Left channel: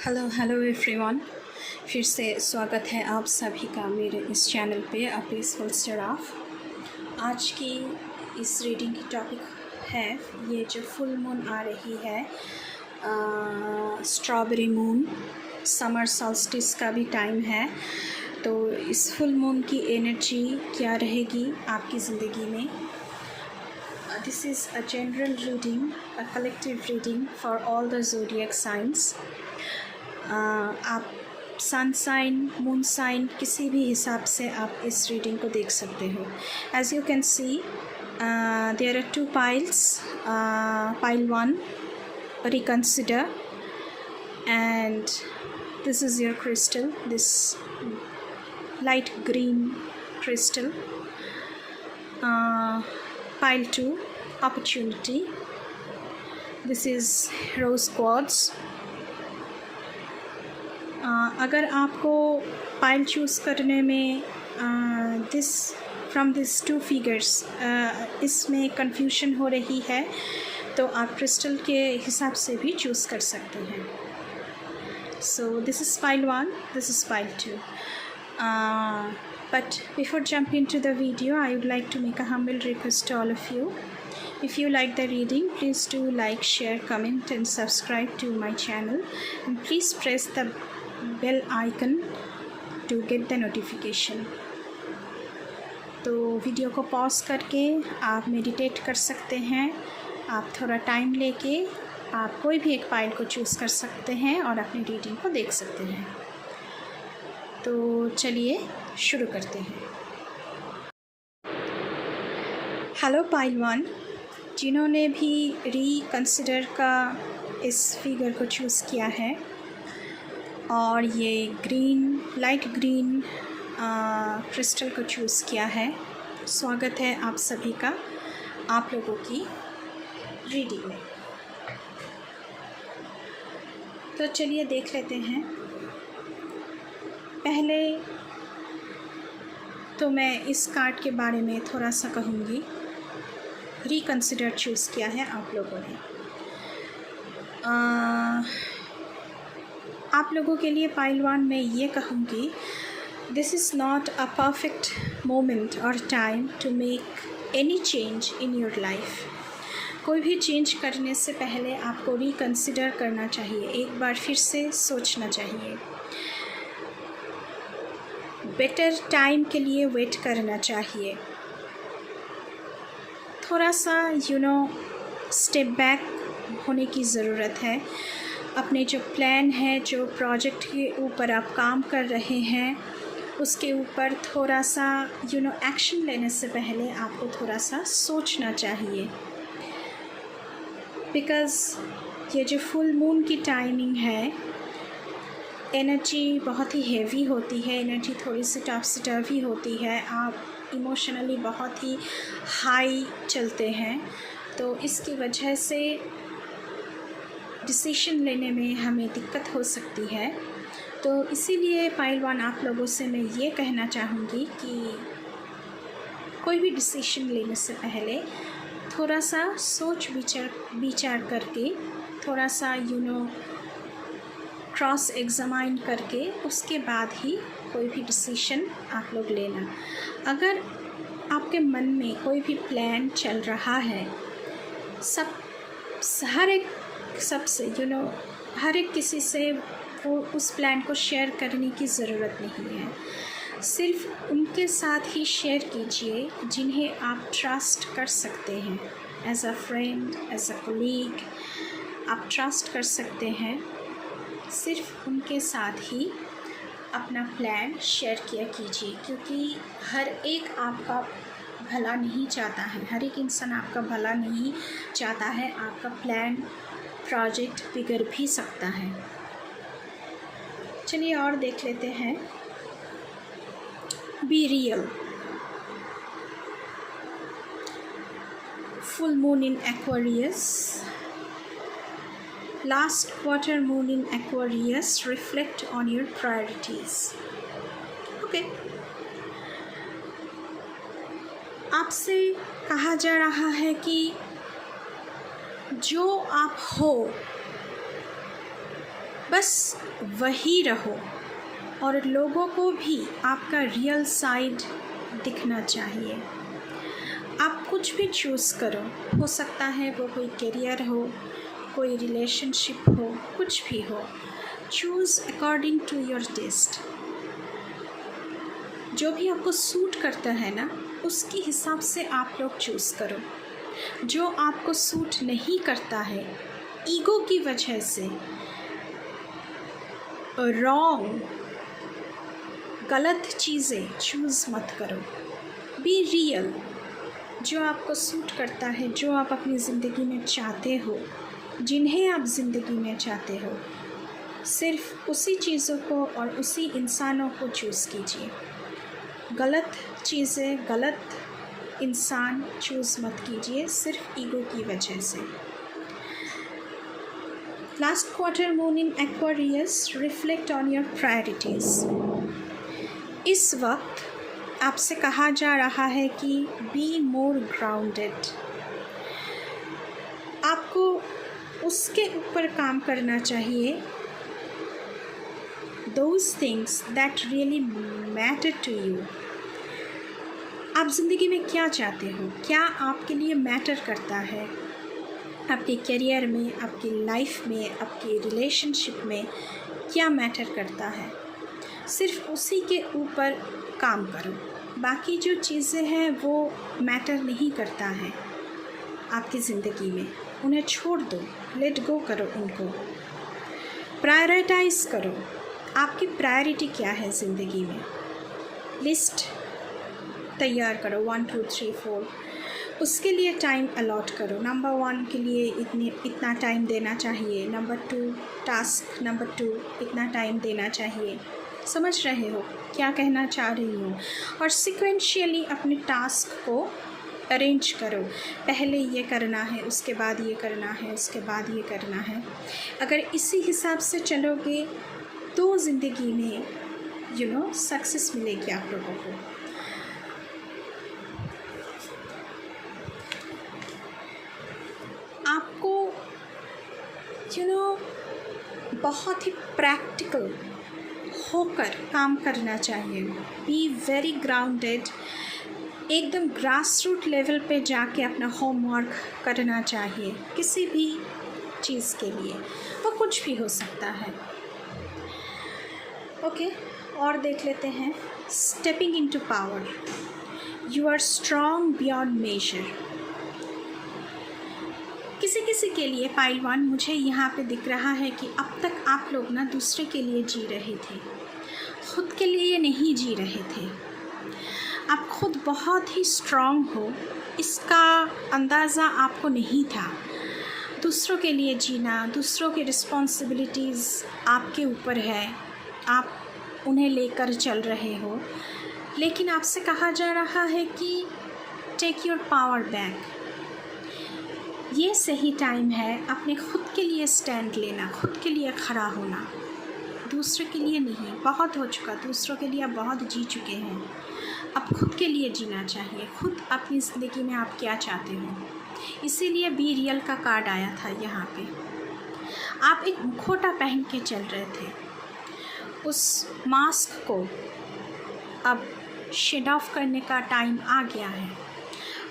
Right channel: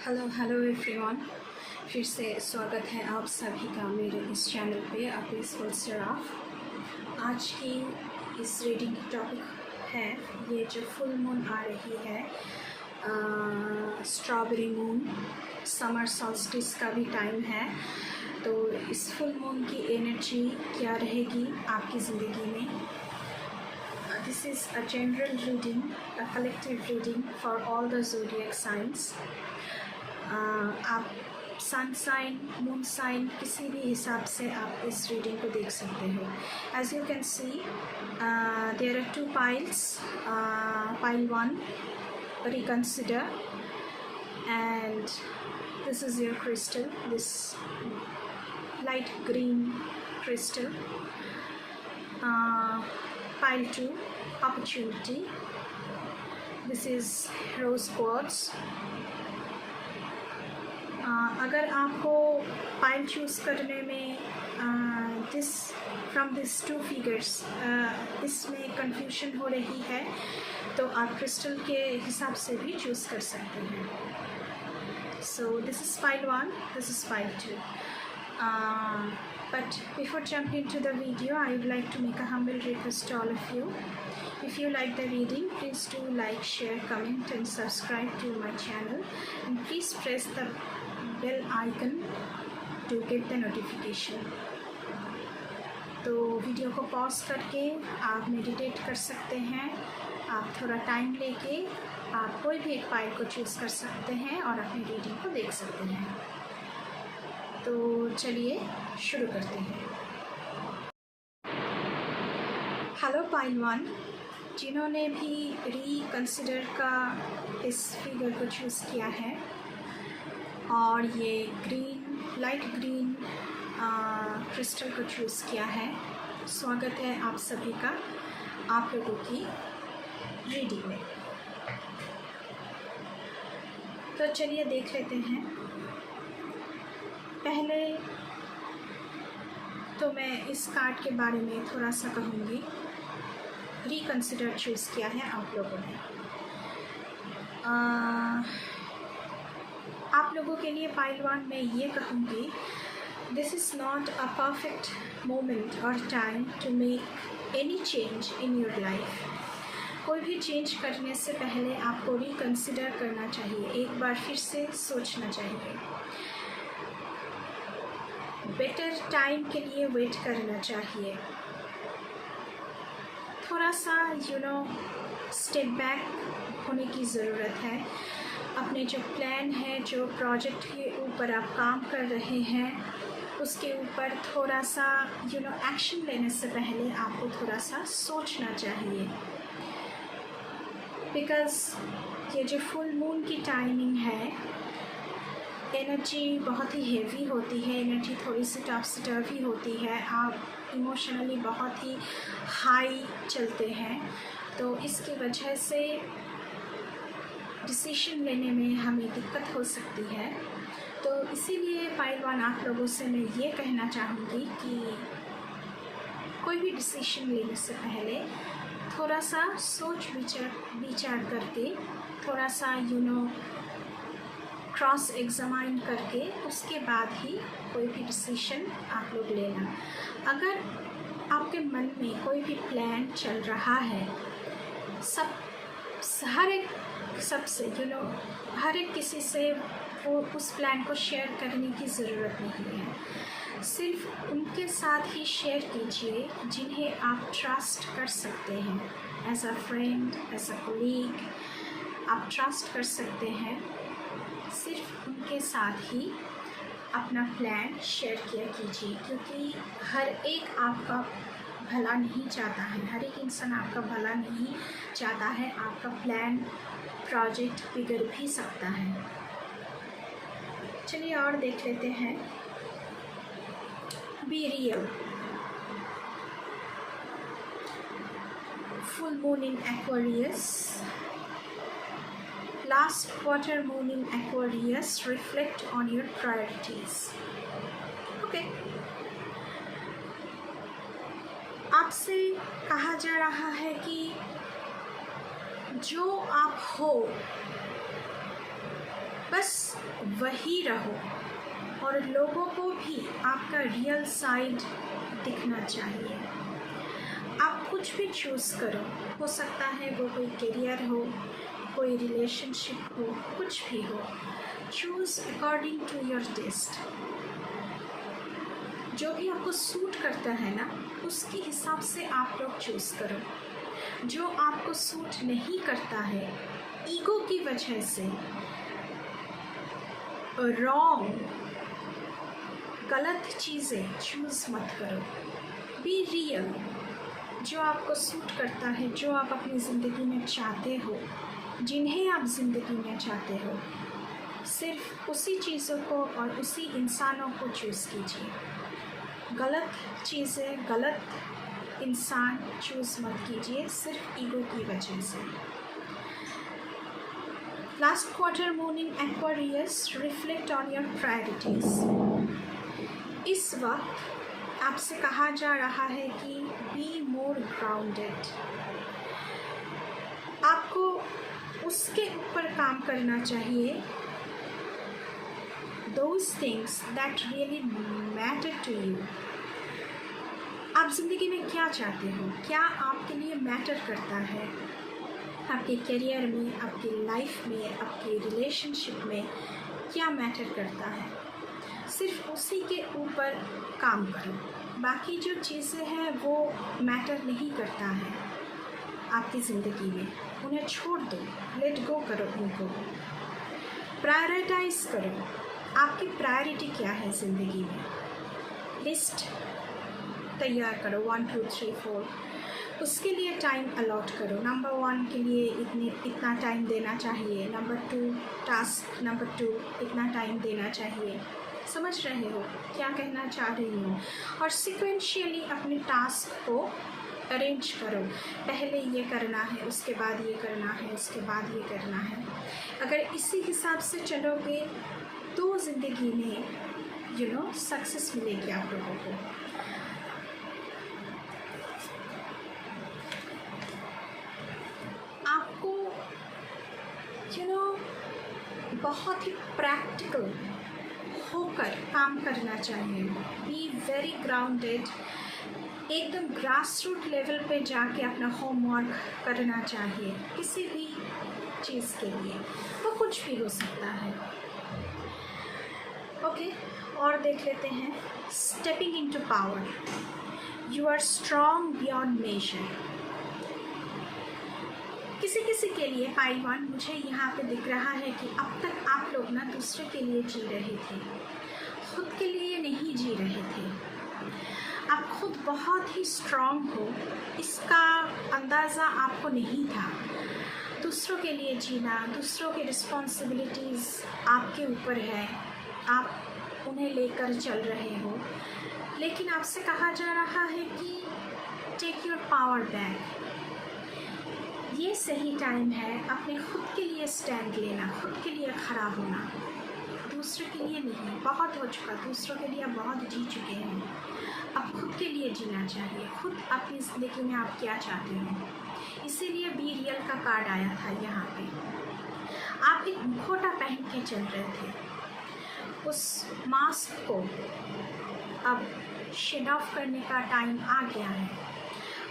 Hello hello everyone. फिर से स्वागत है आप सभी का मेरे इस चैनल पे अ पीसफुल सराफ। आज की इस रीडिंग की टॉपिक है ये जो फुल मून आ रही है, स्ट्रॉबेरी मून, समर सॉल्स्टिस का भी टाइम है। तो इस फुल मून की एनर्जी क्या रहेगी आपकी ज़िंदगी में। This is a general reading, a collective reading for all the zodiac signs. आप सन साइन, मून साइन किसी भी हिसाब से आप इस रीडिंग को देख सकते हो। As you can see there are two piles, pile one reconsider, and this is your crystal, this light green crystal. Pile 2 opportunity, this is rose quartz. अगर आपको पाइल चूज़ करने में फ्रॉम दिस टू फिगर्स इसमें confusion हो रही है तो आप क्रिस्टल के हिसाब से भी चूज़ कर सकते हैं। So this is pile 1, this is pile 2. But before jumping into the video, I would like to make a humble request to all of you. If you like the reading, please do like, share, comment and subscribe to my channel, and please press the bell icon to get the notification. तो video को pause करके आप meditate कर सकते हैं। आप थोड़ा time लेके आप कोई भी एक पाइल को चूज़ कर सकते हैं और अपनी रीडिंग को देख सकते हैं। तो चलिए शुरू करते हैं। हेलो पाइल 1, जिन्होंने भी रिकंसिडर का इस फिगर को चूज़ किया है और ये ग्रीन, लाइट ग्रीन क्रिस्टल को चूज़ किया है, स्वागत है आप सभी का आप लोगों की रीडिंग में। तो चलिए देख लेते हैं। पहले तो मैं इस कार्ड के बारे में थोड़ा सा कहूँगी। रिकंसिडर चूज़ किया है आप लोगों ने। आप लोगों के लिए पाइल 1 में ये कहूँगी, this is not a perfect moment और time to make any change in your life. कोई भी चेंज करने से पहले आपको रिकंसिडर करना चाहिए, एक बार फिर से सोचना चाहिए, बेटर टाइम के लिए वेट करना चाहिए, थोड़ा सा स्टेप बैक होने की ज़रूरत है। अपने जो प्लान है, जो प्रोजेक्ट के ऊपर आप काम कर रहे हैं, उसके ऊपर थोड़ा सा एक्शन लेने से पहले आपको थोड़ा सा सोचना चाहिए। बिकॉज़ ये जो फुल मून की टाइमिंग है, एनर्जी बहुत ही हेवी होती है, एनर्जी थोड़ी सी टॉप्सी टर्वी होती है, आप इमोशनली बहुत ही हाई चलते हैं। तो इसकी वजह से डिसीजन लेने में हमें दिक्कत हो सकती है। तो इसीलिए पाइल 1 आप लोगों से मैं ये कहना चाहूँगी कि कोई भी डिसीजन लेने से पहले थोड़ा सा सोच विचार करके, थोड़ा सा क्रॉस एग्जामाइन करके उसके बाद ही कोई भी डिसीजन आप लोग लेना। अगर आपके मन में कोई भी प्लान चल रहा है, हर एक किसी से वो उस प्लान को शेयर करने की ज़रूरत नहीं है। सिर्फ उनके साथ ही शेयर कीजिए जिन्हें आप ट्रस्ट कर सकते हैं। As a friend, as a colleague आप ट्रस्ट कर सकते हैं। सिर्फ उनके साथ ही अपना प्लान शेयर किया कीजिए, क्योंकि हर एक आपका भला नहीं चाहता है, हर एक इंसान आपका भला नहीं चाहता है। आपका प्लान, प्रोजेक्ट बिगड़ भी सकता है। चलिए और देख लेते हैं। Be real, full moon in Aquarius, last quarter moon in Aquarius, reflect on your priorities. Okay. आपसे कहा जा रहा है कि जो आप हो बस वही रहो और लोगों को भी आपका रियल साइड दिखना चाहिए। आप कुछ भी चूज़ करो, हो सकता है वो कोई करियर हो, कोई रिलेशनशिप हो, कुछ भी हो, choose according to your taste. जो भी आपको सूट करता है ना, उसके हिसाब से आप लोग चूज़ करो। जो आपको सूट नहीं करता है, ईगो की वजह से रॉन्ग गलत चीज़ें चूज़ मत करो। Be real. जो आपको सूट करता है, जो आप अपनी ज़िंदगी में चाहते हो, जिन्हें आप ज़िंदगी में चाहते हो, सिर्फ उसी चीज़ों को और उसी इंसानों को चूज़ कीजिए। गलत चीज़ें, गलत इंसान चूज़ मत कीजिए सिर्फ ईगो की वजह से। Last quarter moon in Aquarius, reflect on your priorities. इस वक्त आपसे कहा जा रहा है कि बी मोर ग्राउंडेड। आपको उसके ऊपर काम करना चाहिए, those things that really matter to you. आप ज़िंदगी में क्या चाहते हो, क्या आपके लिए मैटर करता है, आपके करियर में, आपकी लाइफ में, आपकी रिलेशनशिप में क्या मैटर करता है, सिर्फ उसी के ऊपर काम करो। बाकी जो चीज़ें हैं वो मैटर नहीं करता है आपकी ज़िंदगी में, उन्हें छोड़ दो, लेट गो करो उनको। प्रायोरिटाइज़ करो, आपकी प्रायोरिटी क्या है ज़िंदगी में। लिस्ट तैयार करो 1 2 3 4, उसके लिए टाइम अलॉट करो। नंबर 1 के लिए इतना टाइम देना चाहिए, नंबर 2 टास्क नंबर 2 इतना टाइम देना चाहिए। समझ रहे हो क्या कहना चाह रही हूँ। और सिक्वेंशियली अपने टास्क को अरेंज करो, पहले ये करना है, उसके बाद ये करना है, उसके बाद ये करना है। अगर इसी हिसाब से चलोगे तो ज़िंदगी में सक्सेस मिलेगी आप लोगों को। आपको बहुत ही प्रैक्टिकल होकर काम करना चाहिए। बी वेरी ग्राउंडेड, एकदम ग्रास रूट लेवल पे जाके अपना होमवर्क करना चाहिए किसी भी चीज़ के लिए, वो कुछ भी हो सकता है। ओके, और देख लेते हैं stepping into power. You are strong beyond measure. किसी किसी के लिए पाइलवान मुझे यहाँ पे दिख रहा है कि अब तक आप लोग ना दूसरे के लिए जी रहे थे, खुद के लिए नहीं जी रहे थे। आप खुद बहुत ही स्ट्रॉन्ग हो, इसका अंदाज़ा आपको नहीं था। दूसरों के लिए जीना, दूसरों की रिस्पॉन्सिबिलिटीज़ आपके ऊपर है, आप उन्हें लेकर चल रहे हो, लेकिन आपसे कहा जा रहा है कि टेक योर पावर बैक। ये सही टाइम है अपने खुद के लिए स्टैंड लेना, खुद के लिए खड़ा होना, दूसरे के लिए नहीं। बहुत हो चुका, दूसरों के लिए आप बहुत जी चुके हैं, अब खुद के लिए जीना चाहिए। खुद अपनी ज़िंदगी में आप क्या चाहते हो, इसीलिए बी रियल का कार्ड आया था यहाँ पे। आप एक मुखौटा पहन के चल रहे थे, उस मास्क को अब शेड ऑफ करने का टाइम आ गया है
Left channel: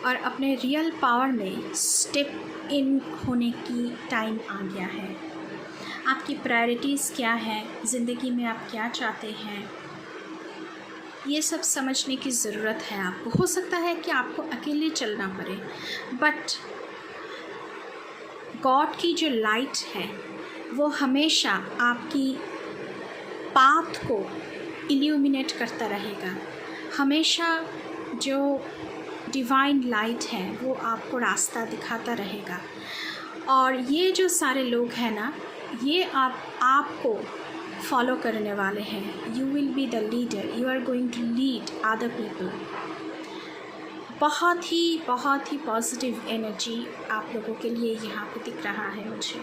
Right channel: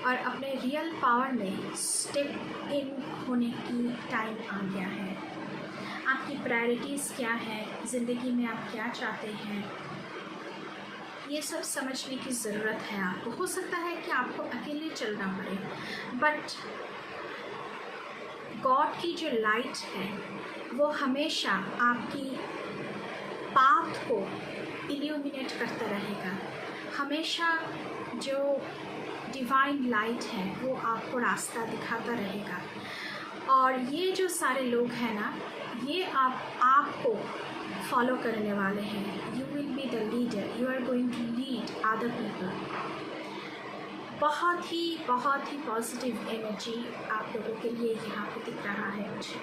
और अपने रियल पावर में स्टेप इन होने की टाइम आ गया है। आपकी प्रायोरिटीज़ क्या है, ज़िंदगी में आप क्या चाहते हैं, ये सब समझने की ज़रूरत है आपको। हो सकता है कि आपको अकेले चलना पड़े, बट गॉड की जो लाइट है वो हमेशा आपकी पाथ को इल्यूमिनेट करता रहेगा। हमेशा जो डिवाइन लाइट है वो आपको रास्ता दिखाता रहेगा। और ये जो सारे लोग हैं ना, ये आपको फॉलो करने वाले हैं। You will be the leader, you are going to lead other people. बहुत ही पॉजिटिव एनर्जी आप लोगों के लिए यहाँ पे दिख रहा है मुझे।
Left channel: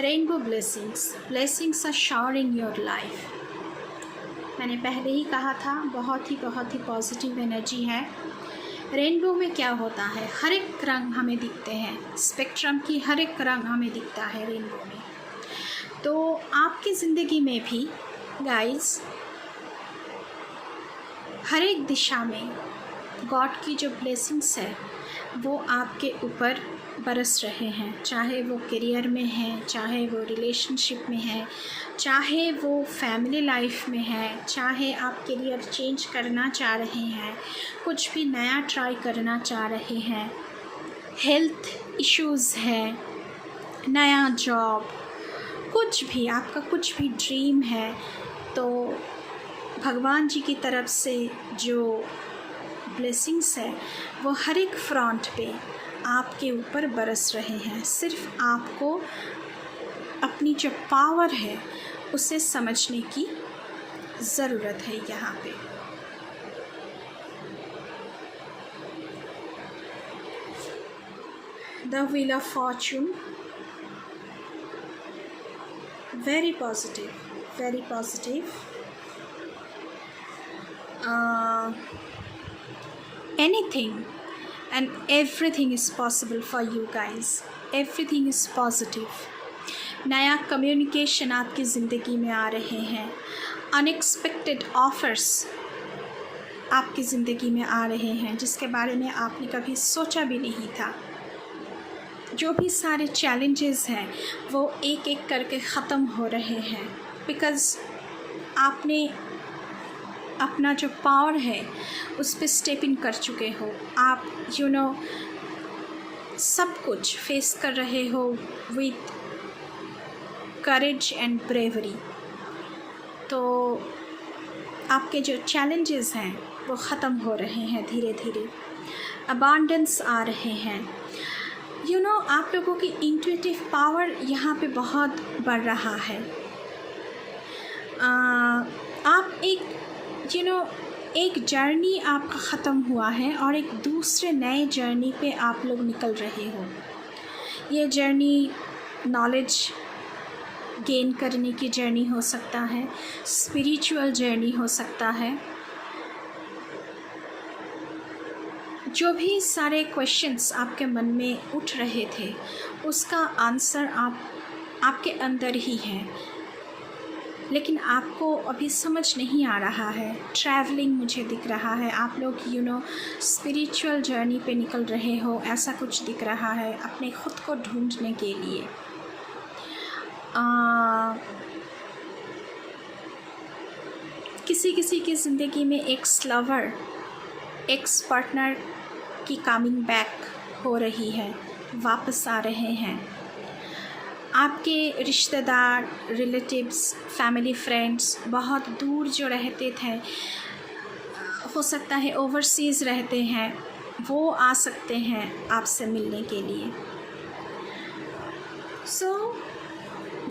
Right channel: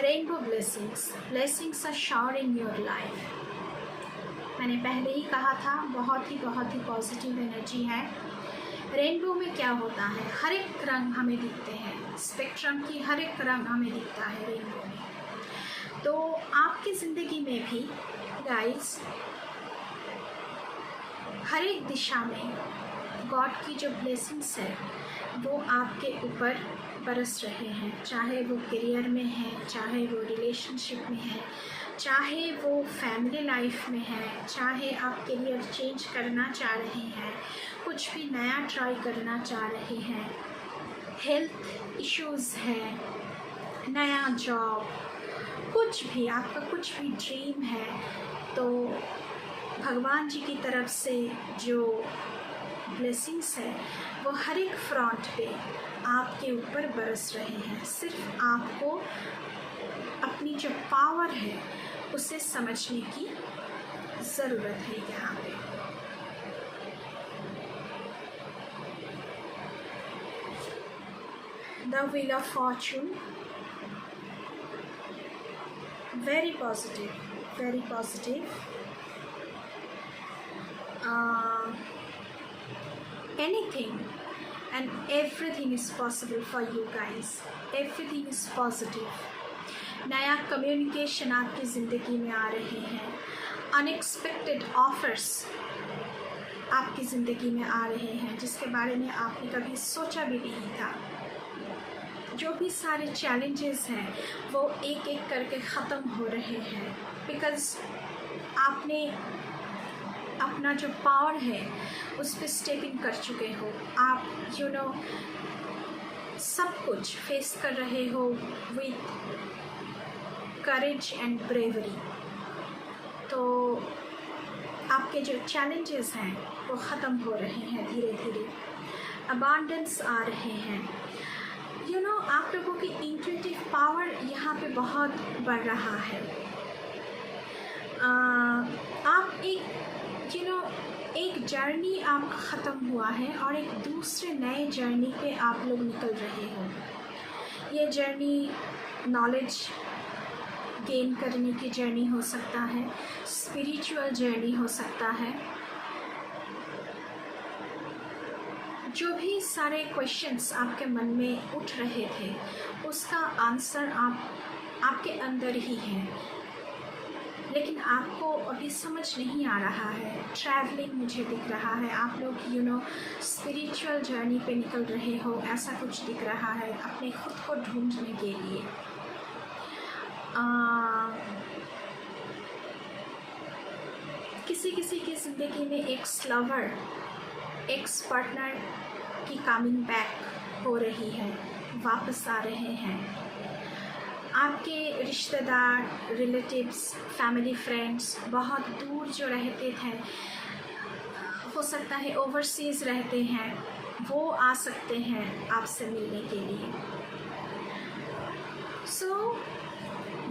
Rainbow blessings are shower in your life. मैंने पहले ही कहा था, बहुत ही पॉजिटिव एनर्जी है। रेनबो में क्या होता है, हर एक रंग हमें दिखते हैं, स्पेक्ट्रम की हर एक रंग हमें दिखता है रेनबो में। तो आपकी ज़िंदगी में भी गाइस हर एक दिशा में गॉड की जो ब्लेसिंग्स है वो आपके ऊपर बरस रहे हैं, चाहे वो करियर में है, चाहे वो रिलेशनशिप में है, चाहे वो फैमिली लाइफ में है, चाहे आप करियर चेंज करना चाह रहे हैं, कुछ भी नया ट्राई करना चाह रहे हैं, हेल्थ इश्यूज़ है, नया जॉब, कुछ भी आपका कुछ भी ड्रीम है, तो भगवान जी की तरफ से जो ब्लेसिंग्स है वो हर एक फ्रंट पे आपके ऊपर बरस रहे हैं। सिर्फ आपको अपनी जो पावर है उसे समझने की ज़रूरत है। यहाँ पे the wheel of Fortune, very positive, very positive. Anything and everything is possible for you guys. Everything is positive. नया कम्युनिकेशन आपकी ज़िंदगी में आ रहे हैं, अनएक्सपेक्टेड ऑफर्स आपकी ज़िंदगी में आ रहे हैं जिसके बारे में आपने कभी सोचा भी नहीं था। जो भी सारे चैलेंजेस हैं वो एक एक करके ख़त्म हो रहे हैं, बिकॉज़ आपने अपना जो पावर है उस पर स्टेप इन कर चुके हो। आप सब कुछ फेस कर रहे हो विथ करेज एंड ब्रेवरी। तो आपके जो चैलेंजेस हैं वो ख़त्म हो रहे हैं धीरे धीरे, अबांडेंस आ रहे हैं। आप लोगों की इंट्यूटिव पावर यहाँ पे बहुत बढ़ रहा है। आप एक जर्नी आपका ख़त्म हुआ है और एक दूसरे नए जर्नी पे आप लोग निकल रहे हो। ये जर्नी नॉलेज गेन करने की जर्नी हो सकता है, स्पिरिचुअल जर्नी हो सकता है। जो भी सारे क्वेश्चंस आपके मन में उठ रहे थे उसका आंसर आपके अंदर ही है, लेकिन आपको अभी समझ नहीं आ रहा है। ट्रैवलिंग मुझे दिख रहा है, आप लोग स्पिरिचुअल जर्नी पे निकल रहे हो, ऐसा कुछ दिख रहा है अपने ख़ुद को ढूंढने के लिए। किसी की ज़िंदगी में एक्स लवर, एक्स पार्टनर की कमिंग बैक हो रही है, वापस आ रहे हैं। आपके रिश्तेदार, रिलेटिव्स, फैमिली, फ्रेंड्स बहुत दूर जो रहते थे, हो सकता है ओवरसीज़ रहते हैं, वो आ सकते हैं आपसे मिलने के लिए। So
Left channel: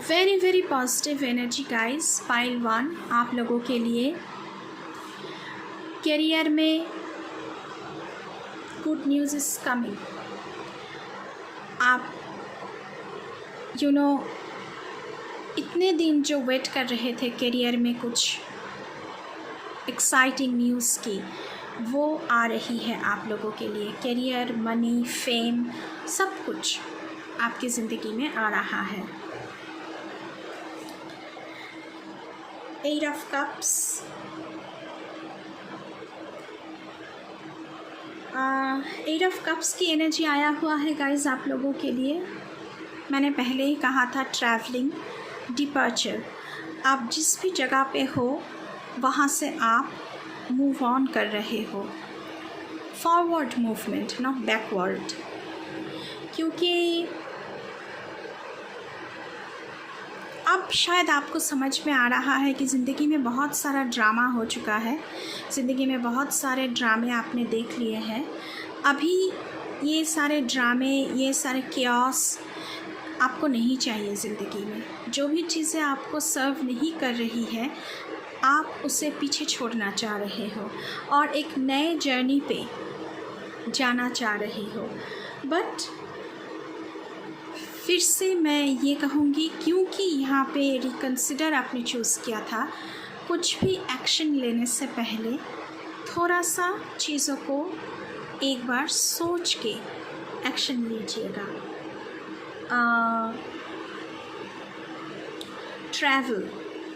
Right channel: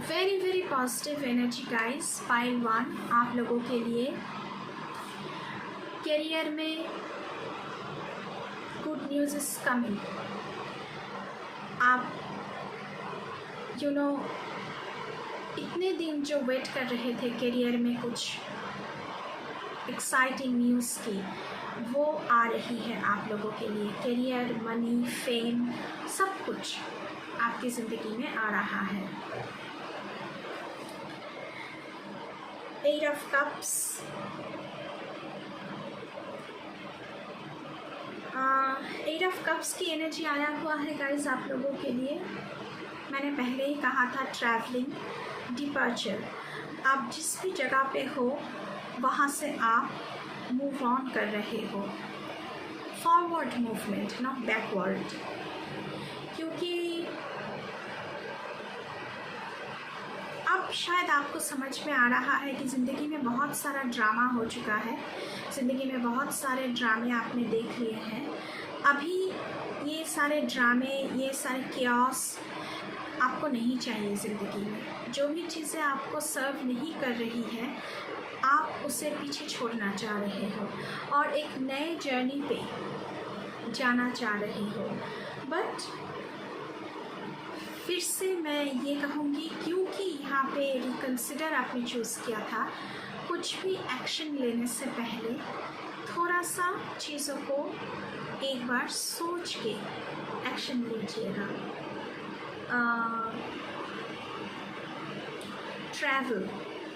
very very positive energy guys. Pile 1 आप लोगों के लिए करियर में गुड न्यूज़ इज़ कमिंग। आप इतने दिन जो वेट कर रहे थे करियर में कुछ एक्साइटिंग न्यूज़ की, वो आ रही है आप लोगों के लिए। करियर, मनी, फेम, सब कुछ आपकी ज़िंदगी में आ रहा है। 8 ऑफ कप्स, 8 ऑफ कप्स की एनर्जी आया हुआ है गाइज आप लोगों के लिए। मैंने पहले ही कहा था ट्रैवलिंग, डिपार्चर। आप जिस भी जगह पे हो वहाँ से आप मूव ऑन कर रहे हो, फॉरवर्ड मूवमेंट, नॉट बैकवर्ड। क्योंकि अब शायद आपको समझ में आ रहा है कि ज़िंदगी में बहुत सारा ड्रामा हो चुका है, ज़िंदगी में बहुत सारे ड्रामे आपने देख लिए हैं। अभी ये सारे ड्रामे, ये सारे क्यास आपको नहीं चाहिए ज़िंदगी में। जो भी चीज़ें आपको सर्व नहीं कर रही है, आप उसे पीछे छोड़ना चाह रहे हो और एक नए जर्नी पे जाना चाह रहे हो। बट फिर से मैं ये कहूँगी, क्योंकि यहाँ पे रिकन्सिडर आपने चूज़ किया था, कुछ भी एक्शन लेने से पहले थोड़ा सा चीज़ों को एक बार सोच के एक्शन लीजिएगा। ट्रैवल,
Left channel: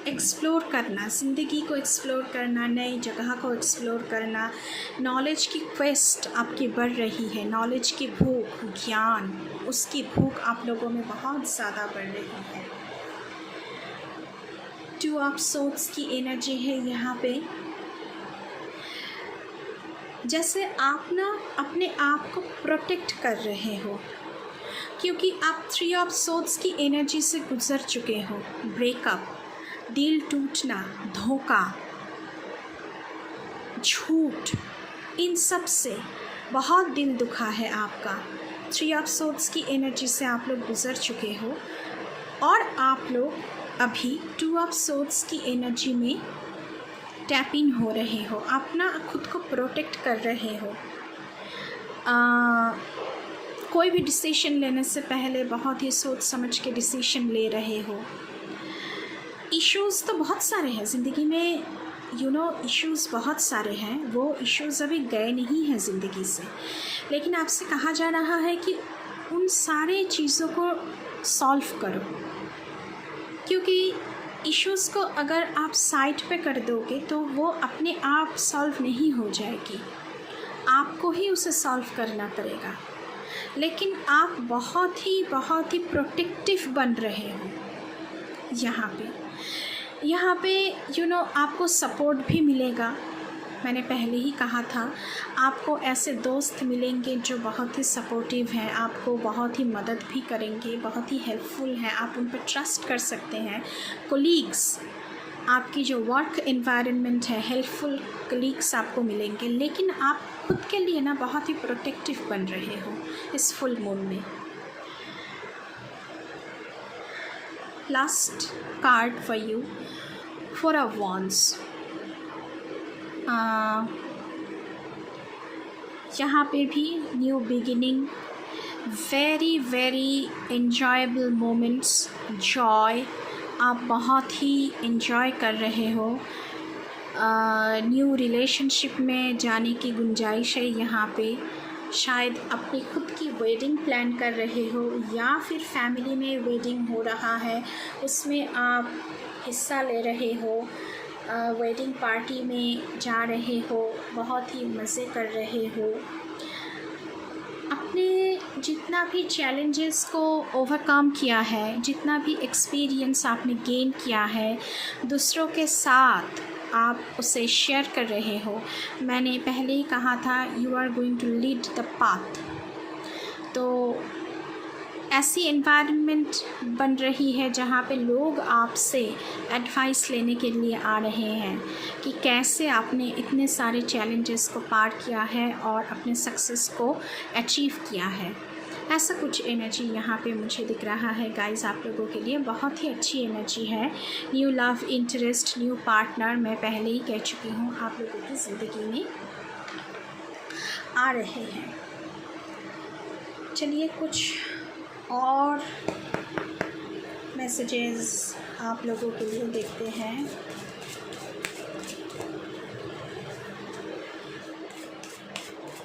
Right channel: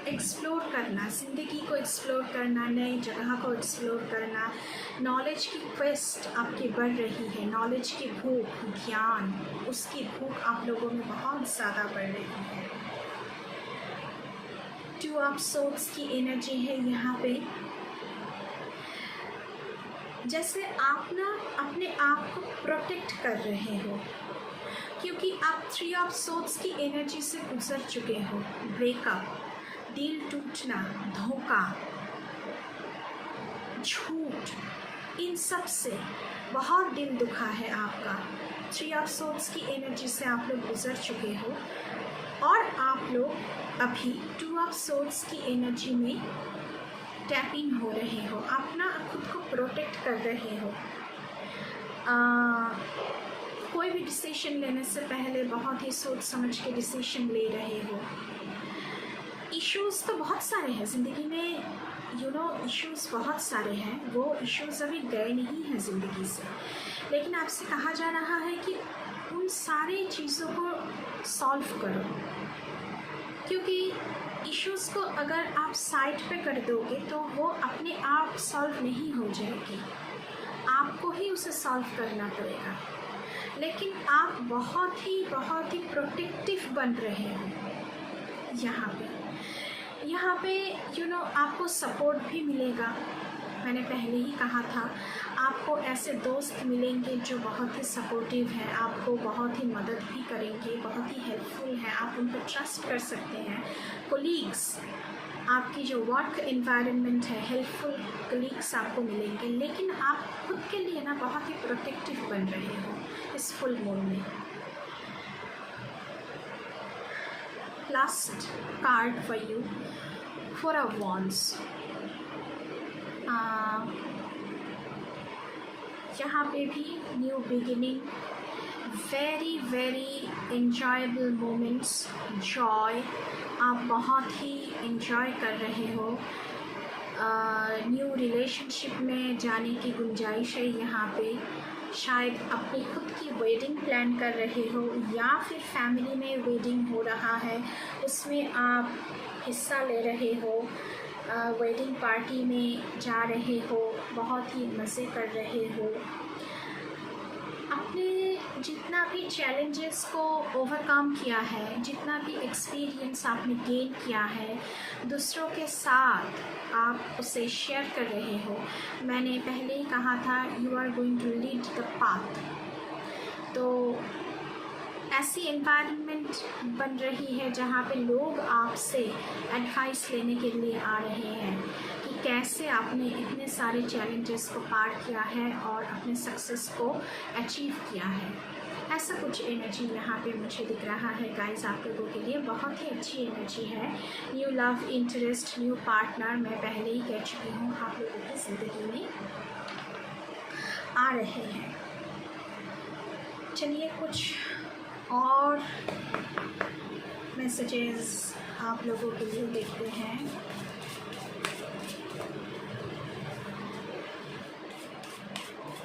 एक्सप्लोर करना, ज़िंदगी को एक्सप्लोर करना, नई जगह को एक्सप्लोर करना, नॉलेज की क्वेस्ट आपकी बढ़ रही है, नॉलेज की भूख, ज्ञान, उसकी भूख आप लोगों में बहुत ज़्यादा बढ़ रही है। 2 ऑफ सोर्ड्स की एनर्जी है यहाँ पे। जैसे आप ना अपने आप को प्रोटेक्ट कर रहे हो, क्योंकि आप 3 ऑफ सोर्ड्स की एनर्जी से गुजर चुके हो। ब्रेकअप, दिल टूटना, धोखा, झूठ, इन सब से बहुत दिल दुखा है आपका। 3 ऑफ सोर्ड्स की एनर्जी से आप लोग गुजर चुके हो और आप लोग अभी 2 ऑफ सोर्ड्स की एनर्जी में टैप इन हो रहे हो, अपना खुद को प्रोटेक्ट कर रहे हो। कोई भी डिसीजन लेने से पहले बहुत ही सोच समझ के डिसीजन ले रहे हो। इश्यूज़ तो बहुत सारे हैं ज़िंदगी में, इश्यूज़ बहुत सारे हैं, वो इश्यूज़ अभी गए नहीं हैं ज़िंदगी से, लेकिन आपसे कहा जा रहा है कि उन सारे चीज़ों को सॉल्व करो, क्योंकि इश्यूज़ को अगर आप साइड पे कर दोगे तो वो अपने आप सॉल्व नहीं हो जाएगी, आपको ही उसे सॉल्व करना पड़ेगा। लेकिन आप बहुत ही प्रोटेक्टिव बन रहे हो यहाँ पे आपको सपोर्ट भी मिलेगा। मैंने पहले ही कहा था, आपको ऐसे दोस्त मिलेंगे जो बहुत ही सपोर्टिव हैं, आपको बहुत ही मदद भी करेंगे, बहुत ही हेल्पफुल हैं, आप उन पर ट्रस्ट कर सकते हैं। कोलीग्स, आपकी जो वर्क एनवायरनमेंट है, हेल्पफुल कलीग्स आपको मिलेंगे, लेकिन आप खुद के लिए ना बहुत ही प्रोटेक्टिव बन रहे हो इस फुल मून में। Last card for you, 4 of wands. यहाँ पे भी new beginning, very enjoyable moments, Joy, आप बहुत ही एंजॉय कर रहे हो। न्यू रिलेशनशिप में जाने की गुंजाइश है यहाँ पे। शायद अपनी खुद की वेडिंग प्लान कर रहे हो, या फिर फैमिली में वेडिंग हो रहा है, उसमें आप हिस्सा ले रहे हो, वेडिंग पार्टी में जा रहे हो, बहुत ही मज़े कर रहे हो। अपने जितना भी चैलेंजेस को ओवरकम किया है, जितना भी एक्सपीरियंस आपने गेन किया है, दूसरों के साथ आप उसे शेयर कर रहे हो। मैंने पहले ही कहा था, you are going to lead the path. तो ऐसी एनवायरनमेंट बन रही है जहाँ पे लोग आपसे एडवाइस लेने के लिए आ रहे हैं कि कैसे आपने इतने सारे चैलेंजेस को पार किया है और अपने सक्सेस को अचीव किया है। ऐसा कुछ एनर्जी यहाँ पे मुझे दिख रहा है गाइस, आप लोगों के लिए बहुत ही अच्छी एनर्जी है। New love interest, new partner, मैं पहले ही कह चुकी हूँ, आप लोगों की ज़िंदगी में आ रहे हैं। चलिए कुछ और मैसेजेस आप लोगों के लिए देखते हैं।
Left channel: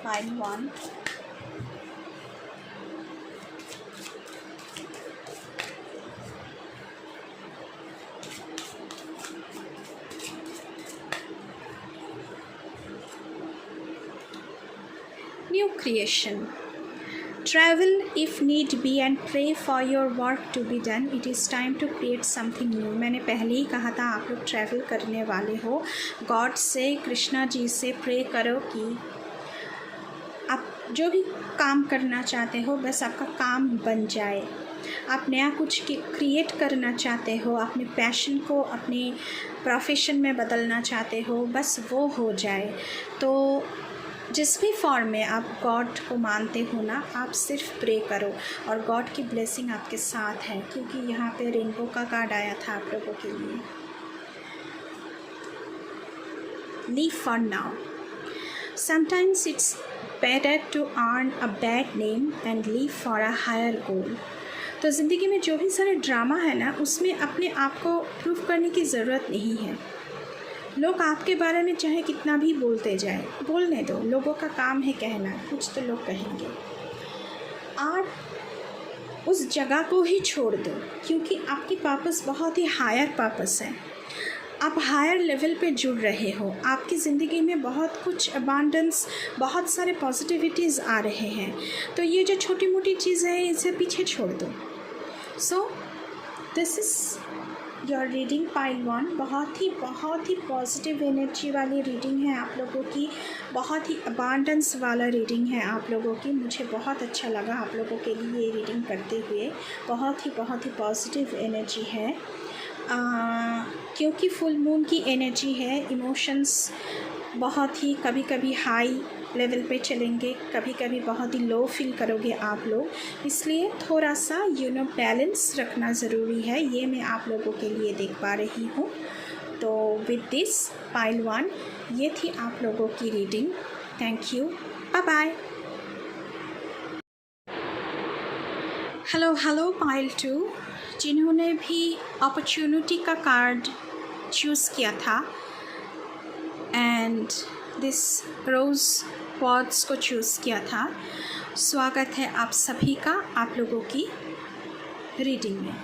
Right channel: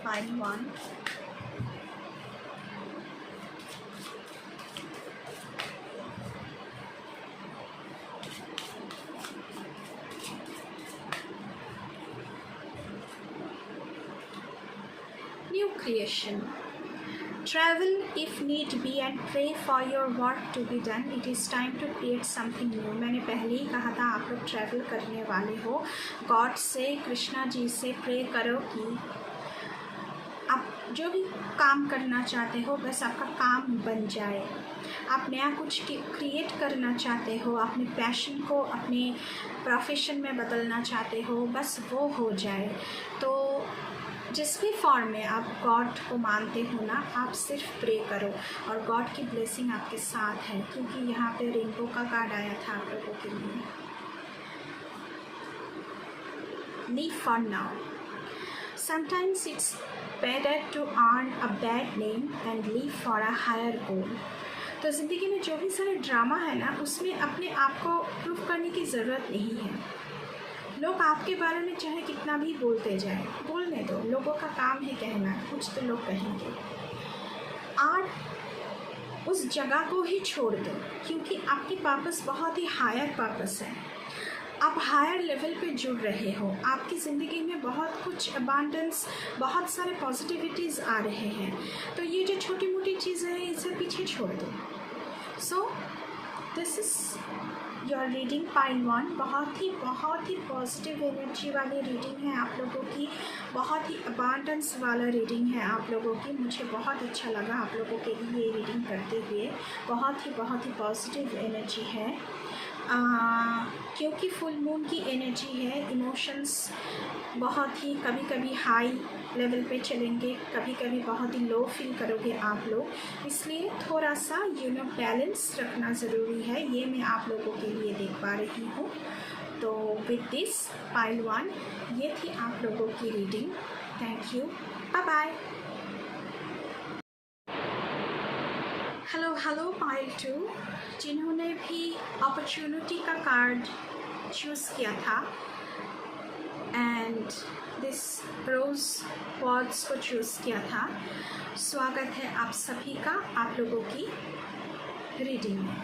Line 1, new creation, travel if need be and pray for your work to be done. It is time to create something new. मैंने पहले ही कहा था, आप लोग ट्रैवल करने वाले हो। गॉड से, कृष्णा जी से प्रे करो कि आप जो भी काम करना चाहते हो, बस आपका काम बन जाए। आप नया कुछ क्रिएट करना चाहते हो, अपने पैशन को अपने प्रोफेशन में बदलना चाहते हो, बस वो हो जाए। तो जिस भी फॉर्म में आप गॉड को मानते हो ना, आप सिर्फ प्रे करो और गॉड की ब्लेसिंग आपके साथ है, क्योंकि यहाँ पे रेनबो का कार्ड आया था आप लोगों के लिए। Leave for now, sometimes it's better to earn a bad name and leave for a higher goal. तो ज़िंदगी में जो भी सारे ड्रामा है ना, उसमें अपने आप को प्रूव करने की ज़रूरत नहीं है। लोग आपके बारे में चाहे कितना भी बोलते जाए, बोलने दो, लोगों का काम है कहना, कुछ तो लोग कहेंगे। और उस जगह को ही छोड़ दो, क्योंकि आपकी पर्पस बहुत ही हायर पर्पस है। आप हायर लेवल पे जुड़ रहे हो, आपकी ज़िंदगी में बहुत कुछ अबांडेंस, बहुत सारे पॉजिटिविटीज़ आ रहे हैं। तो ये जो छोटी मोटी चीज़ें हैं इसे पीछे छोड़ दो। So this is your reading pile 1। बहुत ही पॉजिटिव एनर्जी वाली रीडिंग है आप लोगों की, बहुत ही अबांडेंस वाला रीडिंग है आप लोगों की। मुझे बहुत अच्छा लगा आप लोगों के लिए ये रीडिंग करते हुए। बहुत ही पॉजिटिव एनर्जी है, क्योंकि फुल मून की एनर्जी है। इमोशंस बहुत ही कभी कभी हाई लेवल पे चलेंगे, कभी कभी बहुत ही लो फील करोगे आप लोग, इसलिए थोड़ा सा बैलेंस रखना ज़रूरी है। ये मैं आप लोगों के लिए देख पा रही हूँ। तो विद दिस पाइल 1 ये थी आप लोगों की reading. Thank you, bye bye. Hello pile 2, जिन्होंने भी अपॉर्चुनिटी का कार्ड चूज़ किया था एंड दिस रोज़ पॉड्स को चूज़ किया था, स्वागत है आप सभी का आप लोगों की रीडिंग में।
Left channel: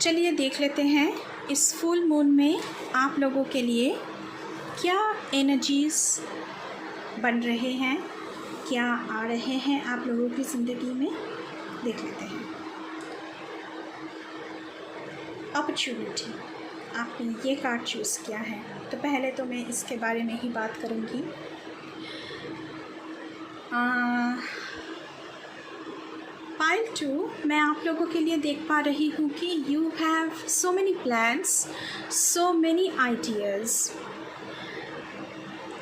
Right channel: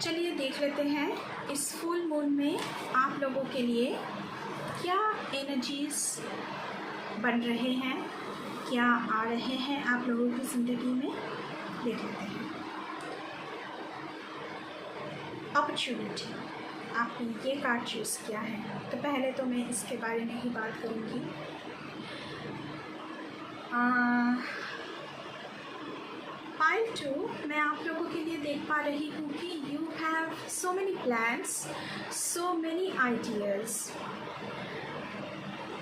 चलिए देख लेते हैं इस फुल मून में आप लोगों के लिए क्या एनर्जीज़ बन रहे हैं, क्या आ रहे हैं आप लोगों की ज़िंदगी में। देख लेते हैं। अपॉर्चुनिटी, आपने ये कार्ड चूज़ किया है, तो पहले तो मैं इसके बारे में ही बात करूँगी। पाइल 2 मैं आप लोगों के लिए देख पा रही हूँ कि you have so many plans, so many ideas,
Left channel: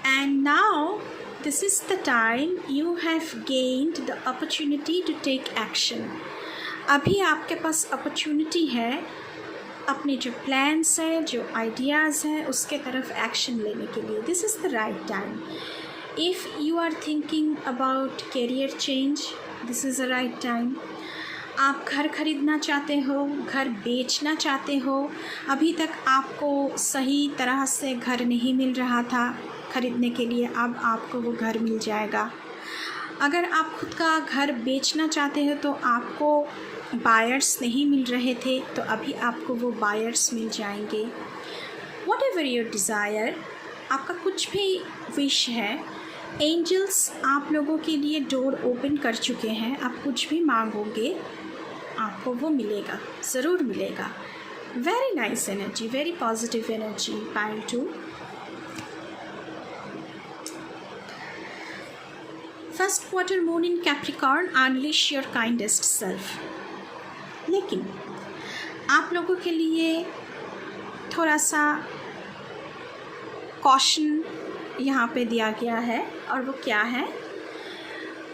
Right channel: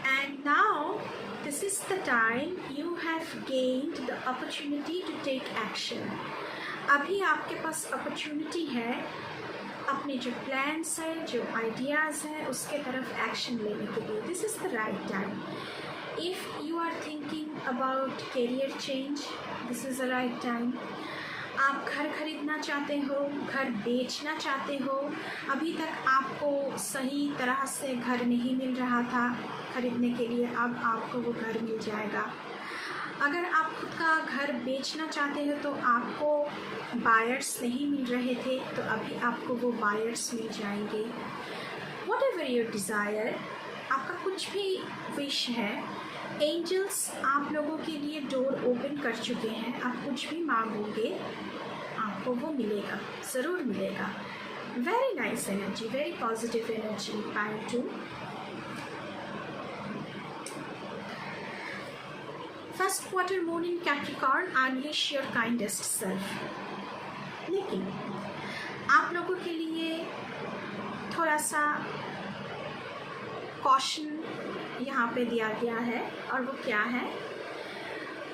and now this is the time you have gained the opportunity to take action। अभी आपके पास अपॉर्चुनिटी है अपने जो प्लान्स हैं, जो आइडियाज़ हैं, उसके तरफ एक्शन लेने के लिए। This is the right time. If you are thinking about career change, this is the right time. आप घर खरीदना चाहते हो, घर बेचना चाहते हो, अभी तक आपको सही तरह से घर नहीं मिल रहा था खरीदने के लिए, अब आपको वो घर मिल जाएगा। अगर आप खुद का घर बेचना चाहते हैं तो आपको बायर्स नहीं मिल रहे थे, तो अभी आपको वो बायर्स मिल जाएंगे। वॉट एवर योर डिज़ायर, आपका कुछ भी विश है, एंजल्स आप लोगों के लिए डोर ओपन कर चुके हैं। आप कुछ भी मांगोगे आपको वो मिलेगा, ज़रूर मिलेगा। Very nice energy, very positive energy pile 2। First quarter moon in Capricorn, unleash your kindest self. लेकिन आप लोगों के लिए थोड़ा सा कॉशन यहाँ पे दिया गया है, और वो क्या है,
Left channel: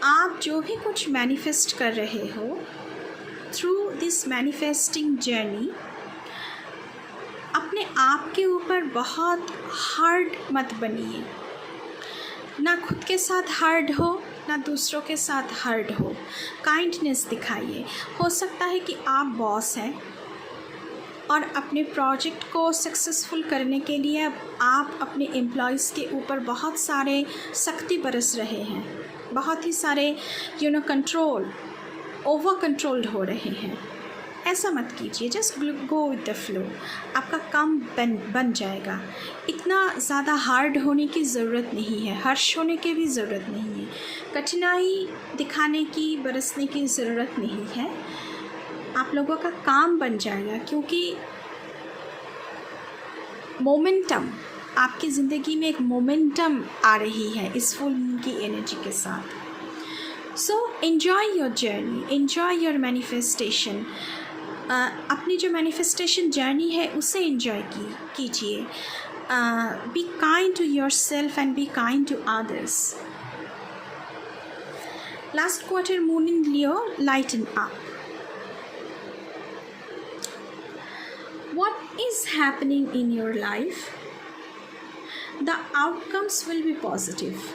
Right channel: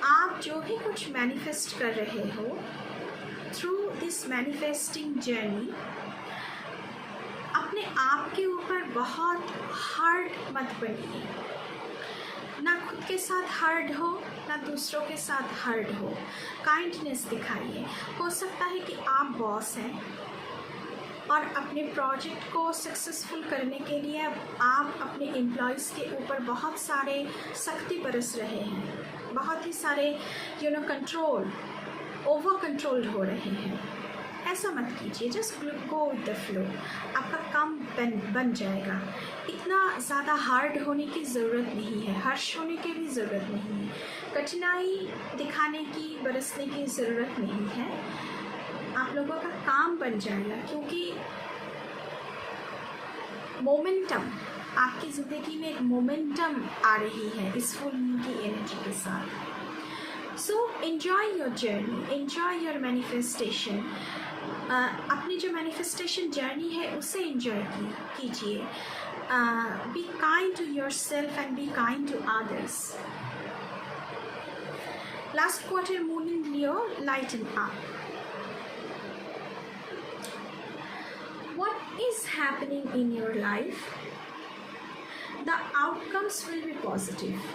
आप जो भी कुछ मैनिफेस्ट कर रहे हो, थ्रू दिस मैनिफेस्टिंग जर्नी अपने आप के ऊपर बहुत हार्ड मत बनिए। ना खुद के साथ हार्ड हो, ना दूसरों के साथ हार्ड हो। काइंडनेस दिखाइए। हो सकता है कि आप बॉस हैं और अपने प्रोजेक्ट को सक्सेसफुल करने के लिए आप अपने एम्प्लॉयज़ के ऊपर बहुत सारे सख्ती बरस रहे हैं, बहुत ही सारे ओवर कंट्रोल्ड हो रहे हैं। ऐसा मत कीजिए, just go with the flow, आपका काम बन जाएगा। इतना ज़्यादा हार्ड होने की ज़रूरत नहीं है, हर्ष होने की भी ज़रूरत नहीं है, कठिनाई दिखाने की, बरसने की ज़रूरत नहीं है। आप लोगों का काम बन जाएगा, क्योंकि मोमेंटम, आपकी ज़िंदगी में एक मोमेंटम आ रही है इस फुल मून की एनर्जी के साथ। So enjoy your journey, enjoy your manifestation. अपनी जो मैनिफेस्टेशन जर्नी है उसे एंजॉय कीजिए। Be kind to yourself and be kind to others. Last quarter moon in Leo, lighten up. What is happening in your life? The outcomes will be positive।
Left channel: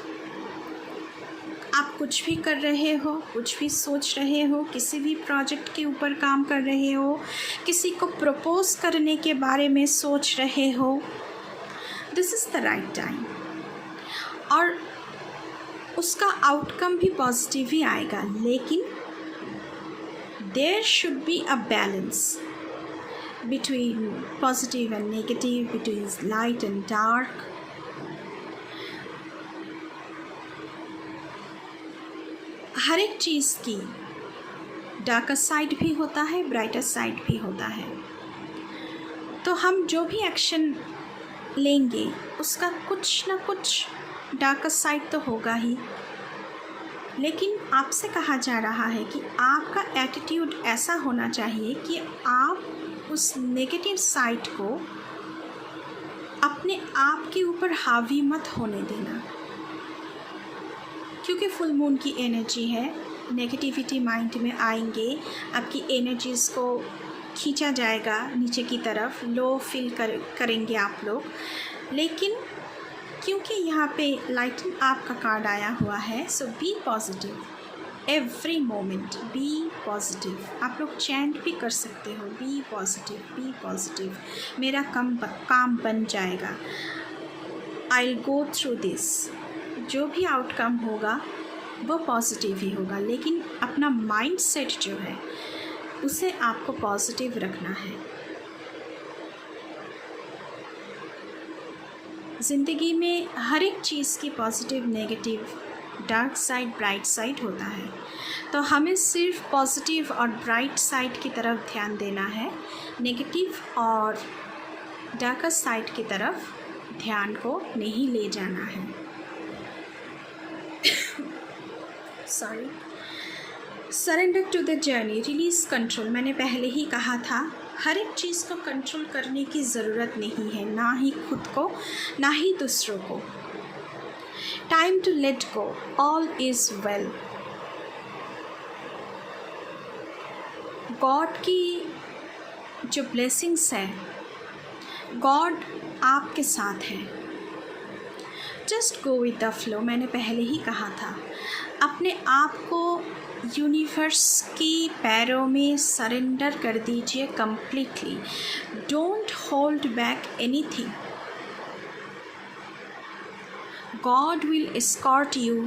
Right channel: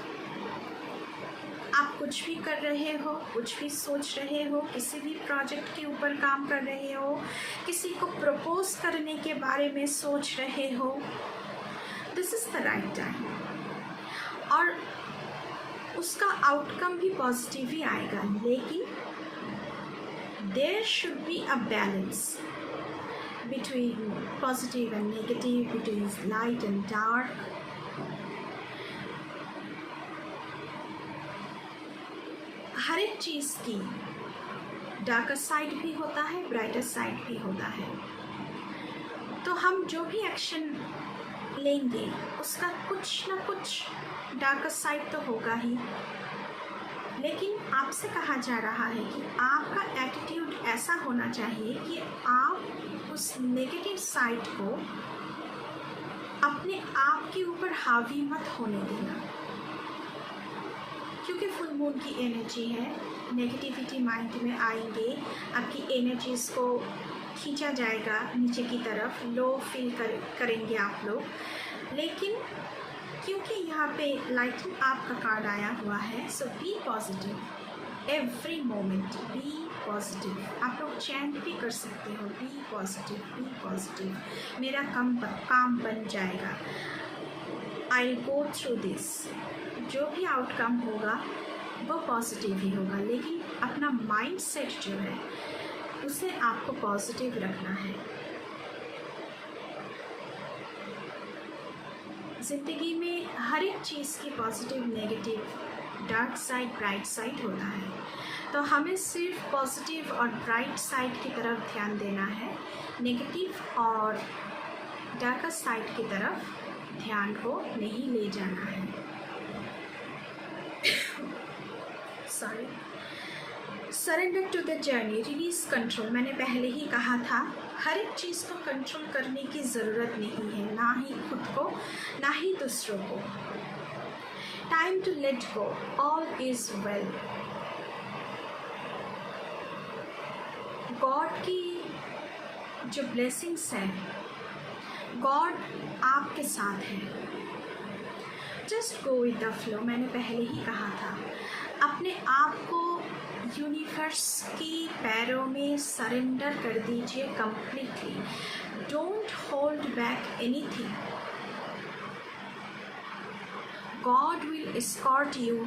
आप कुछ भी कर रहे हो, कुछ भी सोच रहे हो, किसी भी प्रोजेक्ट के ऊपर काम कर रहे हो, किसी को प्रपोज करने के बारे में सोच रहे हो, this is the right time, और उसका आउटकम भी पॉजिटिव ही आएगा, लेकिन there should be a balance between positive and negative, between light and dark. हर एक चीज़ की डार्कर साइड भी होता है, ब्राइटर साइड भी होता है। तो हम जो भी एक्शन लेंगे उसका कुछ ना कुछ डार्कर साइड तो होगा ही, लेकिन आपसे कहा जा रहा है कि आपका एटीट्यूड ऐसा होना चाहिए कि आप उस नेगेटिव साइड को अपने आप के ऊपर हावी मत होने देना, क्योंकि फुल मून की एनर्जी है। नेगेटिविटी माइंड में आएंगे, आपकी एनर्जीज़ को खींचा जाएगा नीचे की तरफ, लो फील करेंगे आप लोग। लेकिन क्योंकि यहाँ पे लाइटिंग आपका कार्ड आया हुआ है, so be positive every moment, be positive. आप लोग चैंट भी कर सकते हो, बी पॉजिटिव, बी पॉजिटिव, मेरा काम बन जाएगा, I will go through this. जो भी आउटकम होगा वो पॉजिटिव ही होगा, लेकिन अपना माइंड सेट जो है उसे आपको पॉजिटिव रखना है। ज़िंदगी में हर एक चीज़ की positive, negative, dark side, bright side होता है, तो हमें सिर्फ पॉजिटिव और ब्राइट साइड की तरफ ध्यान देना है, नेगेटिव और डार्कर साइड की तरफ ध्यान को नहीं ले जाना है। Sorry. Surrender to the journey, release control. मैंने पहले ही कहा था, हर एक चीज़ को कंट्रोल करने की ज़रूरत नहीं है, ना ही खुद को ना ही दूसरों को। Time to let go, all is well. God की जो ब्लेसिंग्स हैं, गॉड आपके साथ है। Just go with the flow. मैंने पहले ही कहा था, अपने आप को यूनिवर्स की पैरों में सरेंडर कर दीजिए completely. Don't hold back anything. God will escort you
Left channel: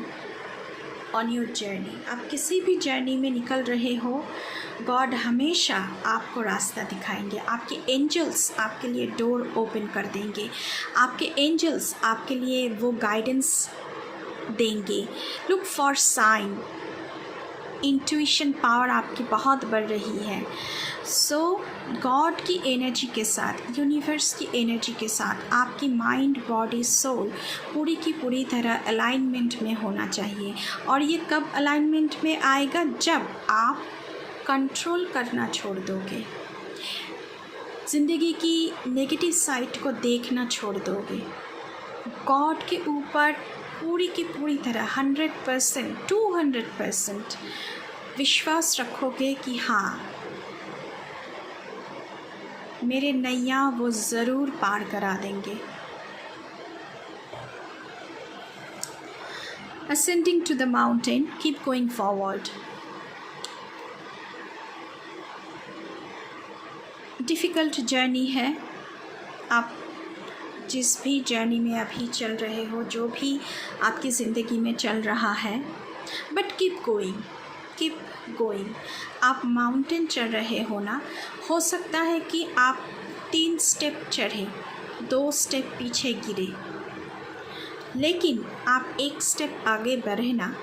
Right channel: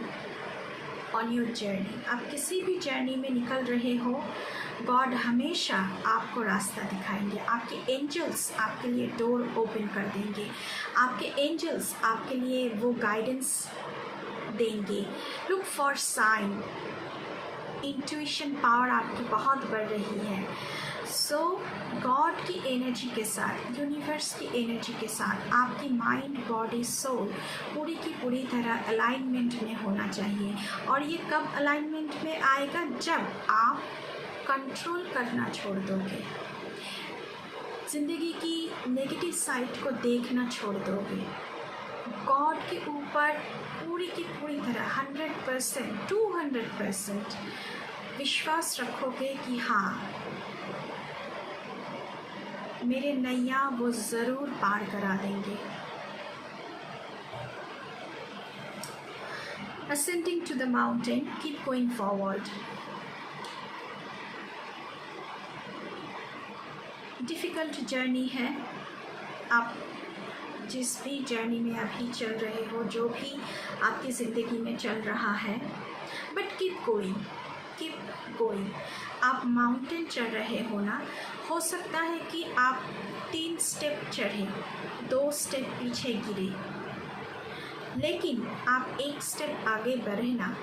on your journey. आप किसी भी जर्नी में निकल रहे हो, गॉड हमेशा आपको रास्ता दिखाएंगे। आपके एंजल्स आपके लिए डोर ओपन कर देंगे, आपके एंजल्स आपके लिए वो गाइडेंस देंगे। Look for sign. Intuition power आपकी बहुत बढ़ रही है। सो गॉड की एनर्जी के साथ, यूनिवर्स की एनर्जी के साथ आपकी माइंड, बॉडी, सोल पूरी की पूरी तरह अलाइनमेंट में होना चाहिए। और ये कब अलाइनमेंट में आएगा? जब आप कंट्रोल करना छोड़ दोगे, ज़िंदगी की नेगेटिव साइड को देखना छोड़ दोगे, गॉड के ऊपर पूरी की पूरी तरह 100%, 200% विश्वास रखोगे कि हाँ, मेरे नैया वो ज़रूर पार करा देंगे। Ascending to the mountain, keep going forward. Difficult journey है, आप जिस भी जर्नी में अभी चल रहे हो, जो भी आपकी ज़िंदगी में चल रहा है, but keep going, keep going. आप माउंटेन चढ़ रहे हो ना, हो सकता है कि आप 3 स्टेप चढ़े, 2 स्टेप पीछे गिरे, लेकिन आप 1 स्टेप आगे बढ़े ना,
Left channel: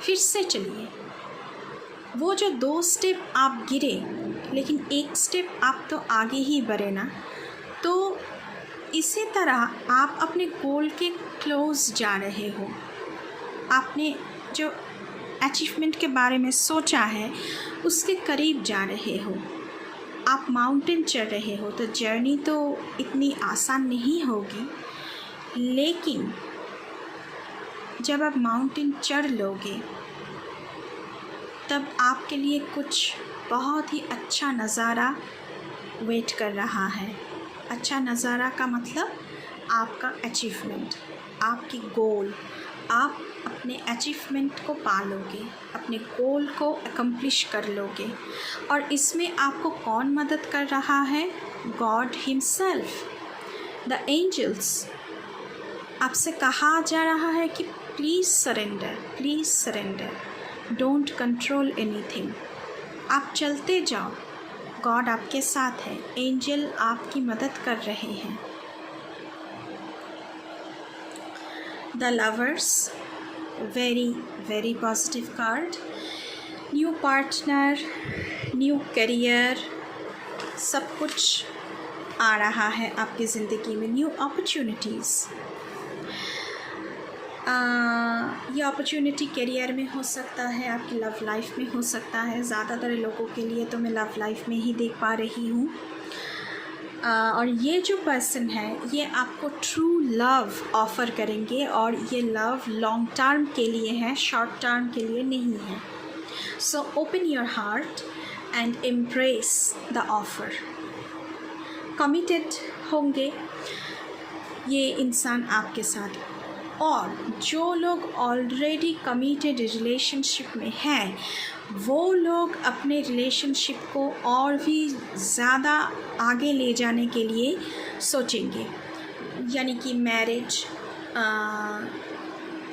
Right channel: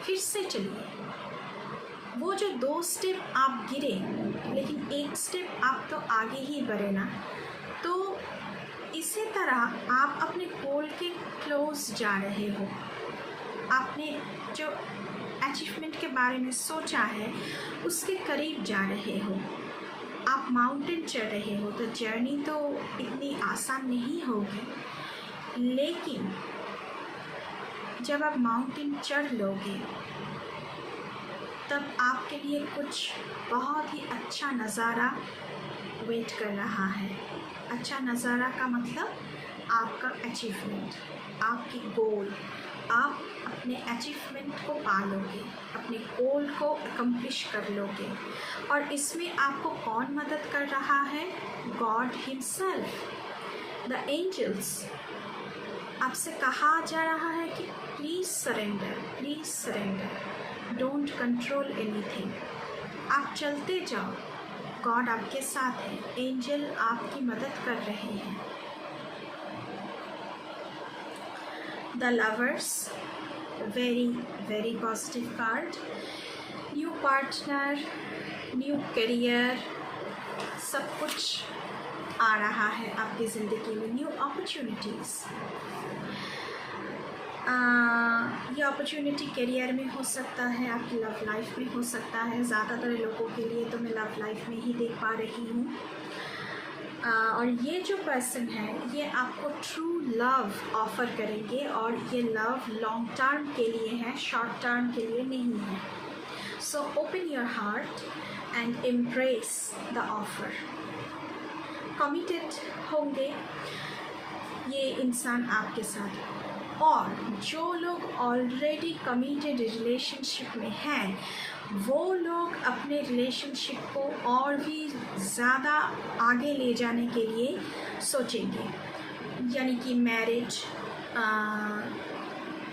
फिर से चलिए। वो जो 2 स्टेप आप गिरे, लेकिन 1 स्टेप आप तो आगे ही बढ़े ना, तो इसी तरह आप अपने गोल के क्लोज जा रहे हो। आपने जो अचीवमेंट के बारे में सोचा है उसके करीब जा रहे हो। आप माउंटेन चढ़ रहे हो, तो जर्नी तो इतनी आसान नहीं होगी, लेकिन जब आप माउंटेन चढ़ लोगे तब आपके लिए कुछ बहुत ही अच्छा नज़ारा वेट कर रहा है। अच्छा नज़ारा का मतलब आपका अचीवमेंट, आपकी गोल। आप अपने अचीवमेंट को पा लोगे, अपने गोल को अकम्प्लिश कर लोगे। और इसमें आपको कौन मदद कर रहा है? God himself. द एंजल्स आपसे कहा जा रहा है कि please surrender, don't control anything. आप चलते जाओ, गॉड आपके साथ है, एंजल आपकी मदद कर रहे हैं। The lovers, very very positive card. New partner, new career, सब कुछ आ रहा है आपकी ज़िंदगी में, न्यू अपॉर्चुनिटीज़। ये अपॉर्चुनिटी करियर में हो सकता है, आपकी लव लाइफ में हो सकता है। ज़्यादातर लोगों के लिए तो मैं लव लाइफ में ही देख पा रही हूँ। और ये जो पर्सन है ये आपको ट्रू लव ऑफ़र करेंगे, और ये लव लॉन्ग टर्म के लिए है, शॉर्ट टर्म के लिए नहीं है। So open your heart and embrace the offer. Committed होंगे ये इंसान आपके साथ, और जो लोग ऑलरेडी कमिटेड रिलेशनशिप में हैं वो लोग अपने रिलेशनशिप को और भी ज़्यादा आगे ले जाने के लिए सोचेंगे, यानी कि मैरिज,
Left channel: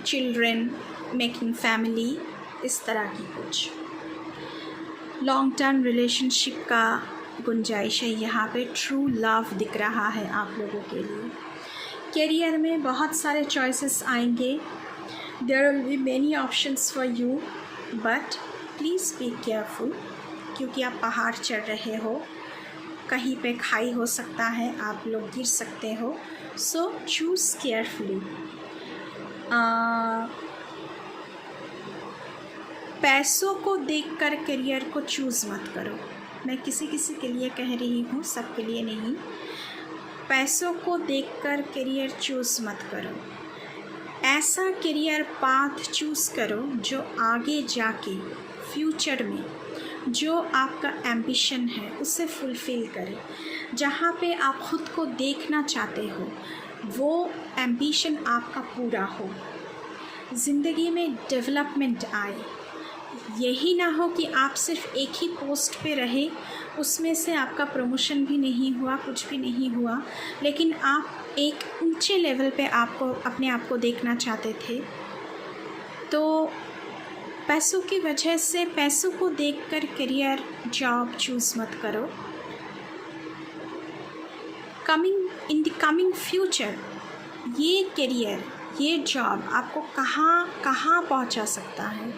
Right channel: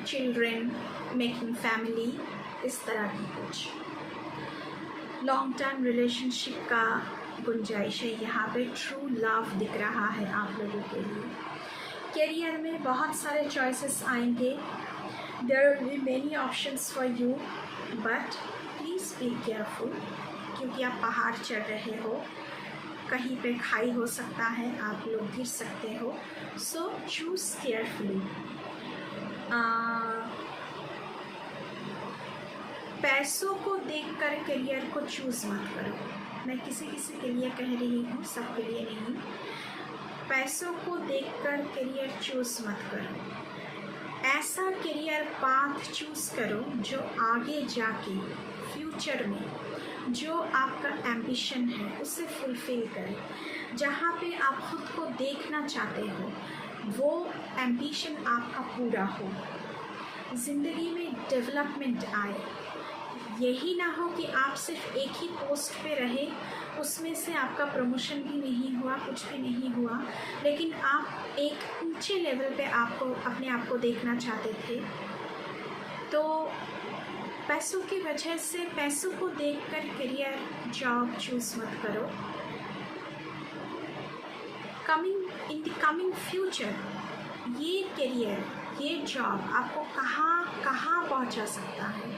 चिल्ड्रन, मेकिंग फैमिली, इस तरह की कुछ लॉन्ग टर्म रिलेशनशिप का गुंजाइश है। यहाँ पे ट्रू लव दिख रहा है आप लोगों के लिए। करियर में बहुत सारे चॉइसेस आएंगे, there will be many options for you, but please be careful, क्योंकि आप पहाड़ चढ़ रहे हो, कहीं पे खाई हो सकता है, आप लोग गिर सकते हो। सो चूज़ केयरफुली। पैसों को देखकर करियर को चूज़ मत करो। मैं किसी किसी के लिए कह रही हूँ, सबके लिए नहीं। पैसों को देखकर करियर चूज़ मत करो। ऐसा करियर पाथ चूज़ करो जो आगे जाके फ्यूचर में जो आपका एम्बिशन है उसे फुलफ़िल करे। जहाँ पे आप ख़ुद को देखना चाहते हो वो एम्बिशन आपका पूरा हो, ज़िंदगी में डेवलपमेंट आए। यही ना हो कि आप सिर्फ एक ही पोस्ट पे रहे, उसमें से आपका प्रमोशन भी नहीं हुआ, कुछ भी नहीं हुआ, लेकिन आप एक ऊंचे लेवल पे आपको अपने आप को देखना चाहते थे। तो पैसों की वजह से, पैसों को देखकर करियर जॉब चूज़ मत करो। इन द कमिंग फ्यूचर ये करियर, ये जॉब आपको कहाँ पहुंचा सकता है,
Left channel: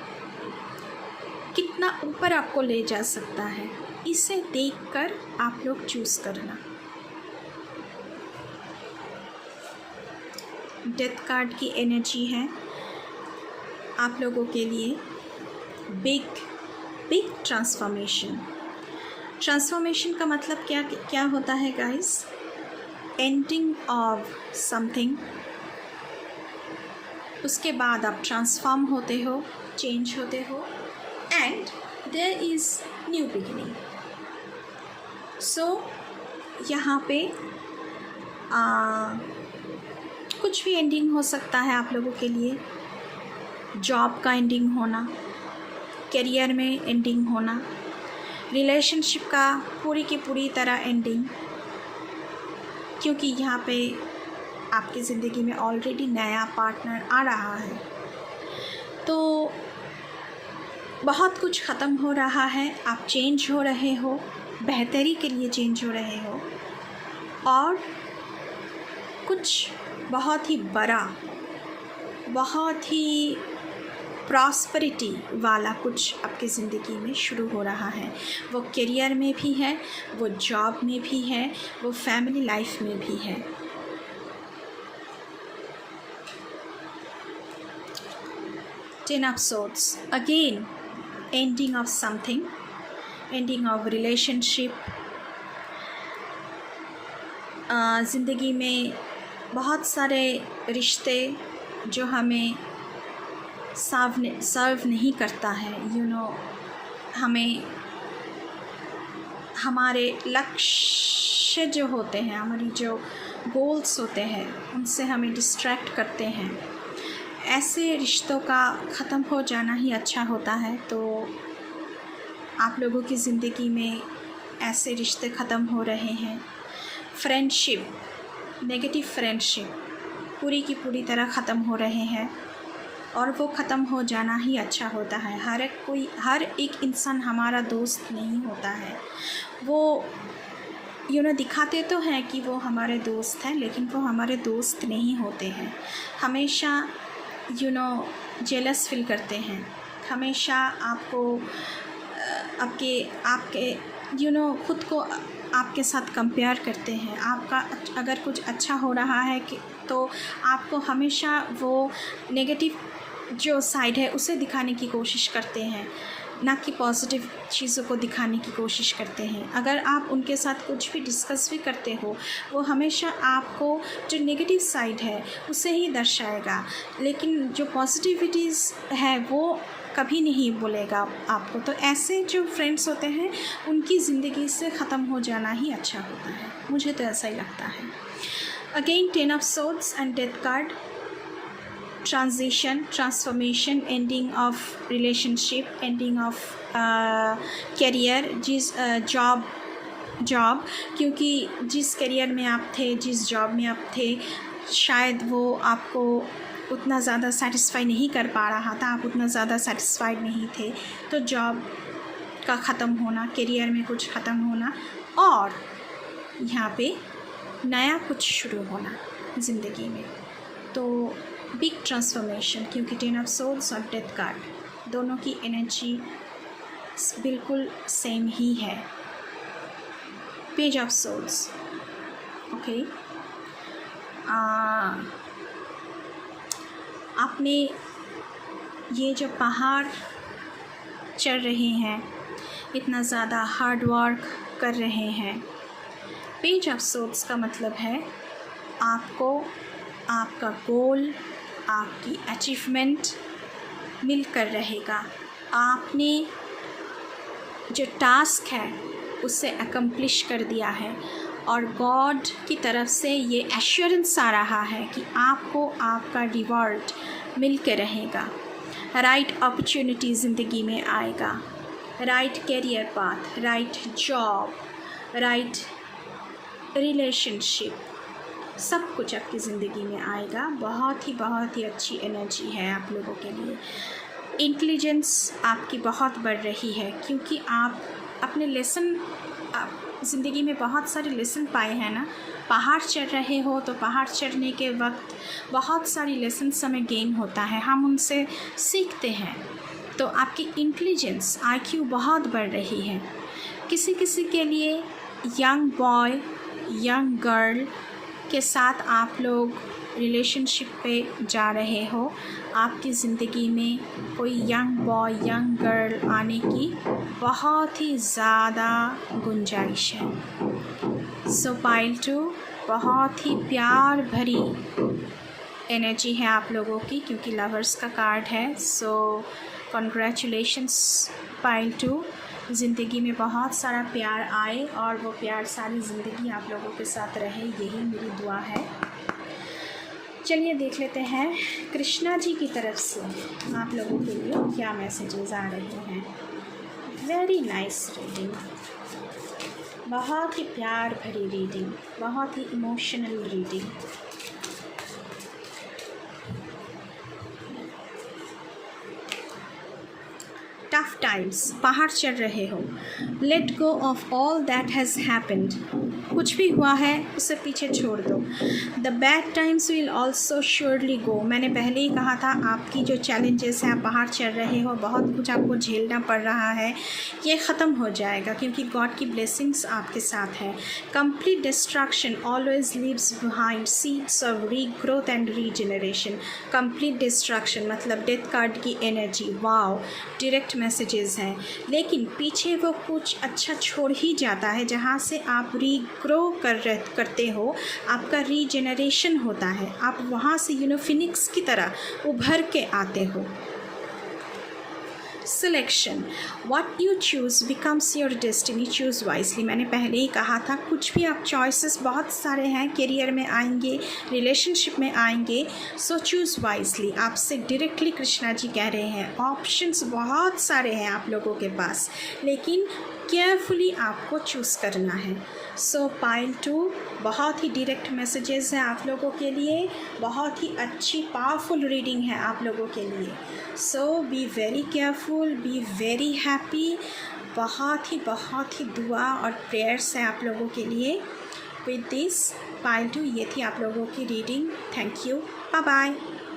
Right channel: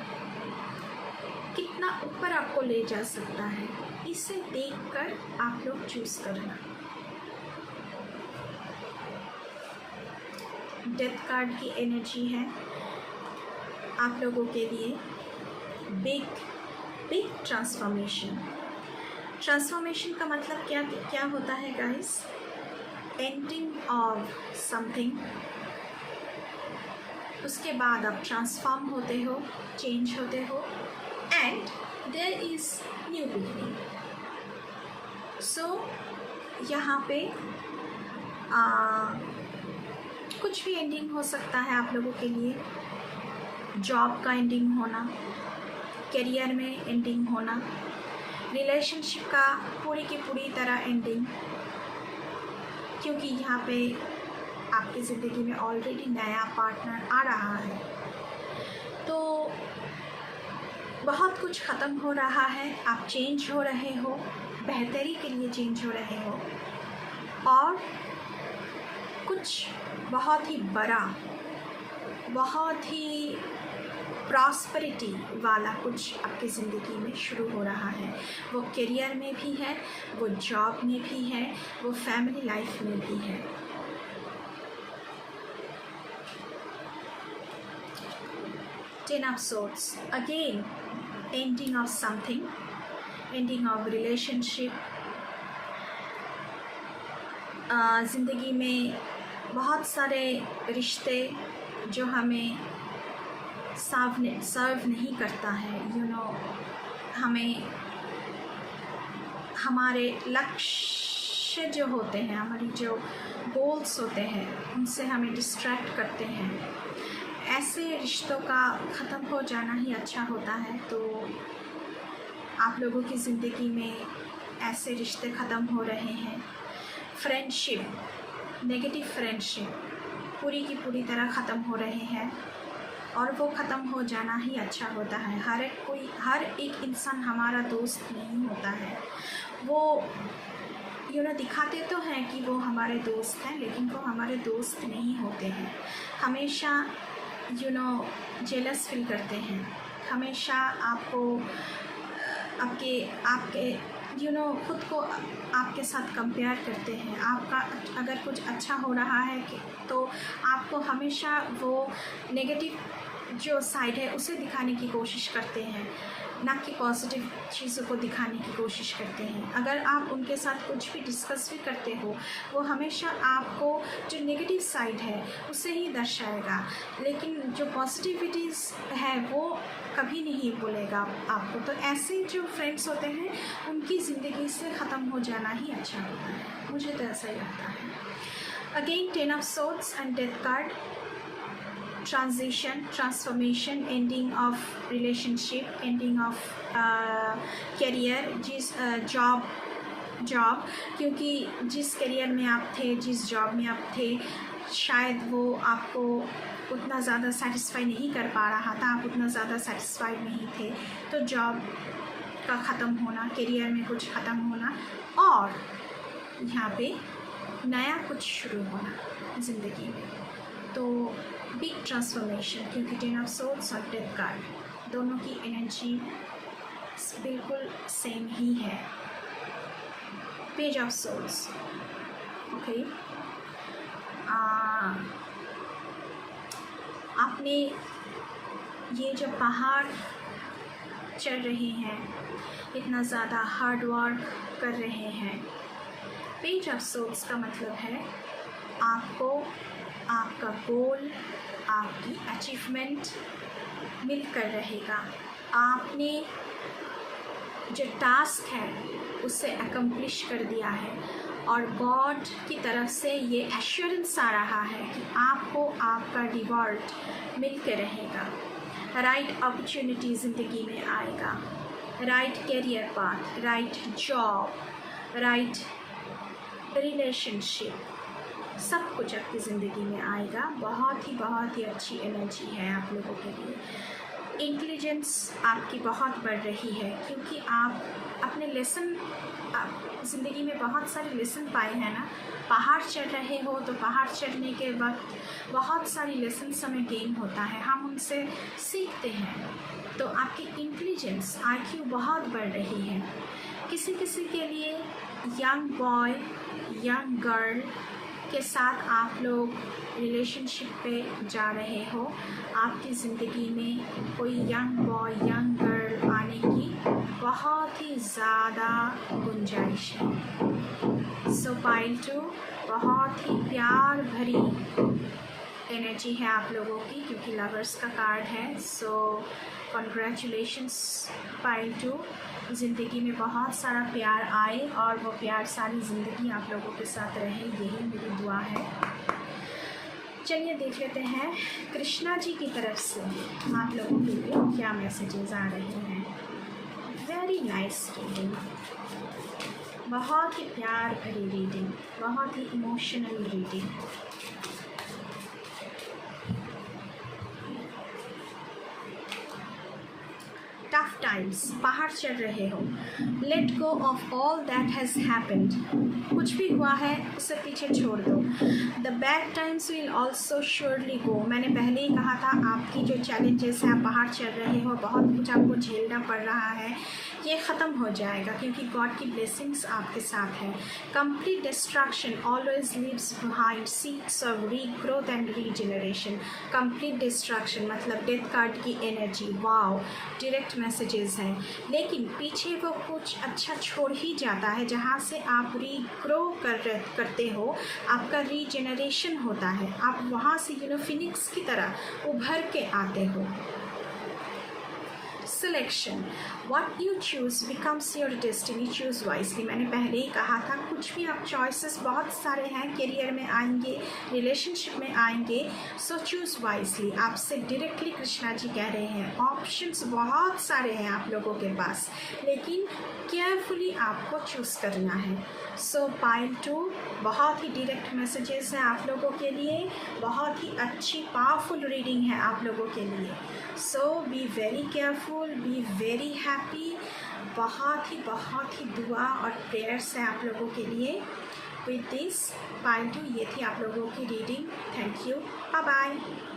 कितना ऊपर आपको ले जा सकता है, इसे देखकर आप लोग चूज़ करना। डेथ कार्ड की एनर्जी है आप लोगों के लिए। बिग ट्रांसफॉर्मेशन का मतलब क्या होता है गाइस? एंडिंग ऑफ समथिंग, उसके बाद आप ट्रांसफॉर्म होते हो, चेंज होते हो, and there is new beginning. So यहाँ पे कुछ भी एंडिंग हो सकता है आप लोगों के लिए। जॉब का एंडिंग होना, करियर में एंडिंग होना, रिलेशनशिप का पूरी की पूरी तरह एंडिंग, क्योंकि यहाँ पे आपकी ज़िंदगी में ऑलरेडी नया पार्टनर आ रहा है। तो बहुत कुछ ख़त्म हो रहा है, आप चेंज हो रहे हो, बेहतरी के लिए चेंज हो रहे हो, और कुछ बहुत ही बड़ा, बहुत ही प्रॉस्पेरिटी वाला कुछ आपकी ज़िंदगी में शुरू हो रहा है। वो करियर में भी है, वो जॉब में भी है, वो फैमिली लाइफ में भी है। Ten of Swords, again ending of something, ending of relationship। ज़िंदगी में बहुत सारे रिश्ते जो हमें सर्व नहीं करता है, हमें हमारे लक्ष्य जो होते हैं, हमारी जो गोल्स होते हैं, उनसे हमें डिस्ट्रैक्ट करते हैं। ऐसे रिश्तों का ख़त्म हो जाना ही अच्छा होता है। तो आप लोगों की ज़िंदगी में ऐसे रिश्ते ख़त्म हो रहे हैं। फ्रेंडशिप, नेगेटिव फ्रेंडशिप पूरी की पूरी तरह ख़त्म हो रहे हैं, और वो ख़त्म हो जाना ही अच्छा होता है। हर एक इंसान हमारा दोस्त नहीं होता है। वो दिखाते तो हैं कि वो हमारे दोस्त हैं, लेकिन वो हमारे दोस्त नहीं होते हैं। हमेशा जेलस फील करते हैं, हमेशा आपको आपके खुद को आपके साथ कंपेयर करते हैं। आपका अगर कुछ अच्छा हो रहा है तो आपको हमेशा वो नेगेटिव जो साइड है उसे दिखाने की कोशिश करते हैं, ना कि पॉजिटिव चीज़ों को दिखाने की कोशिश करते हैं। अगर आप उनके साथ कुछ भी डिस्कस भी करते हो, वो हमेशा आपको जो नेगेटिव साइड है उसे ही दर्शाएगा, लेकिन जो पॉजिटिविटीज़ है वो कभी नहीं बोलेगा आपको। तो ऐसे जो फ्रेंड्स होते हैं उनकी ज़िंदगी से ख़त्म हो जाना ही अच्छा होता है, मुझे तो ऐसा ही लगता है। Again 10 of swords and death card, transition, transformation, ending of relationship, ending of career, job, क्योंकि जिस करियर में आप थे, जिस जॉब में आप थे, शायद वो आपको उतना ज़्यादा सेटिस्फाई नहीं कर पा रहा था, आप उतना ज़्यादा सेटिस्फाइड नहीं थे। तो जॉब का ख़त्म होना, करियर में कुछ ख़त्म होना, और यहाँ पे नया कुछ शुरू होना ज़िंदगी में। तो बिग ट्रांसफॉर्मेशन, क्योंकि 10 ऑफ सोर्ड्स और डेथ कार्ड दोनों की एनर्जी बिल्कुल सेम ही है। पेज ऑफ सोर्ड्स, ओके, आपने ये जो पहाड़ चढ़ रहे हैं, इतना ज़्यादा हार्ड वर्क कर रहे हैं। पेज ऑफ सोर्ड्स का मतलब है आपको आपका गोल, आपकी अचीवमेंट मिलकर रहेगा। आपने जो टास्क है उसे अकम्प्लिश कर दिया है, और गॉड की तरफ से ये एश्योरेंस आ रहा है कि आपको आपका रिवॉर्ड मिल के रहेगा। राइट अपॉर्चुनिटी ज़िंदगी में आएगा, right career path, right job, right relationship, सब कुछ आपकी ज़िंदगी में आएगा। बहुत ही अच्छी एनर्जी है आप लोगों के लिए। इंटेलिजेंस आपकी बहुत बढ़ रही है, क्योंकि आप अपने लेसन ज़िंदगी में बहुत सारे लेसन पाए हैं ना। पहाड़ चढ़ रहे हो तो पहाड़ चढ़ने के वक्त बहुत सारी लेसन्स हमें गेन होता है, हम उनसे सीखते हैं। तो आपकी इंटेलिजेंस, IQ बहुत बढ़ रही है। किसी किसी के लिए यंग बॉय, यंग गर्ल के साथ आप लोग रिलेशनशिप पे जा रहे हो। आपकी ज़िंदगी में कोई यंग बॉय, यंग गर्ल आने की बहुत ही ज़्यादा गुंजाइश है। सो पाइल 2 बहुत ही प्यार भरी एनर्जी है आप लोगों की, क्योंकि लवर्स का कार्ड है। सो कॉन्ग्रेचुलेशंस पाइल 2। ज़िंदगी में बहुत सारा प्यार आए और वो प्यार सारी ज़िंदगी आप लोगों के साथ रहे, यही मेरी दुआ है। चलिए देख लेते हैं कृष्णा जी की तरफ से आप लोगों के लिए क्या मैसेजेस आ रहे हैं। वेरी नाइस रीडिंग, बहुत ही प्यार भरी रीडिंग, बहुत ही इमोशनल रीडिंग। टफ टाइम्स, पहाड़ चढ़ रहे हो। Let go of all that has happened, कुछ भी हुआ है उसे पीछे छोड़ दो। The bad times will also surely गो, मैंने पहले ही कहा था आपकी जो चैलेंजेस हैं, आप पहाड़ चढ़ रहे हो, बहुत कुछ आपको झेलना पड़ रहा है, ये ख़त्म हो जाएगा, क्योंकि गॉड की ब्लेसिंग्स आपके साथ है। Complete destruction always leaves behind seeds of regrowth and regeneration. Complete destruction मतलब डेथ कार्ड की एनर्जी, वाओ, डायरेक्ट मैसेजेस हैं, लेकिन पीछे वो कुछ अच्छा छोड़ ही जाता है, जहाँ से आप रीग्रो करते हो, आपका रीजनरेशन होता है, आप वहाँ से फिनिक्स की तरह उभर के आते हो। Selection, what you choose becomes your destiny, choose wisely. मैंने पहले ही कहा था, कुछ भी आप चॉइसेस बहुत सारे हैं, करियर में आएंगे, रिलेशनशिप में आएंगे, सो चूज़ वाइजली। आपसे डायरेक्टली कृष्णा जी कह रहे हैं, ऑप्शंस बहुत सारे हैं आप लोगों के पास, लेकिन केयरफुली आपको चूज़ करना है। सो पाइल 2 बहुत ही डायरेक्ट मैसेजेस हैं आप लोगों के लिए, बहुत ही अच्छी पावरफुल रीडिंग है आप लोगों के लिए। So be very careful, be very happy. बहुत ही दुआ और प्रेयर्स हैं आप लोगों के लिए। विद दिस पाइल 2 ये थी आप लोगों की reading. Thank you, bye bye.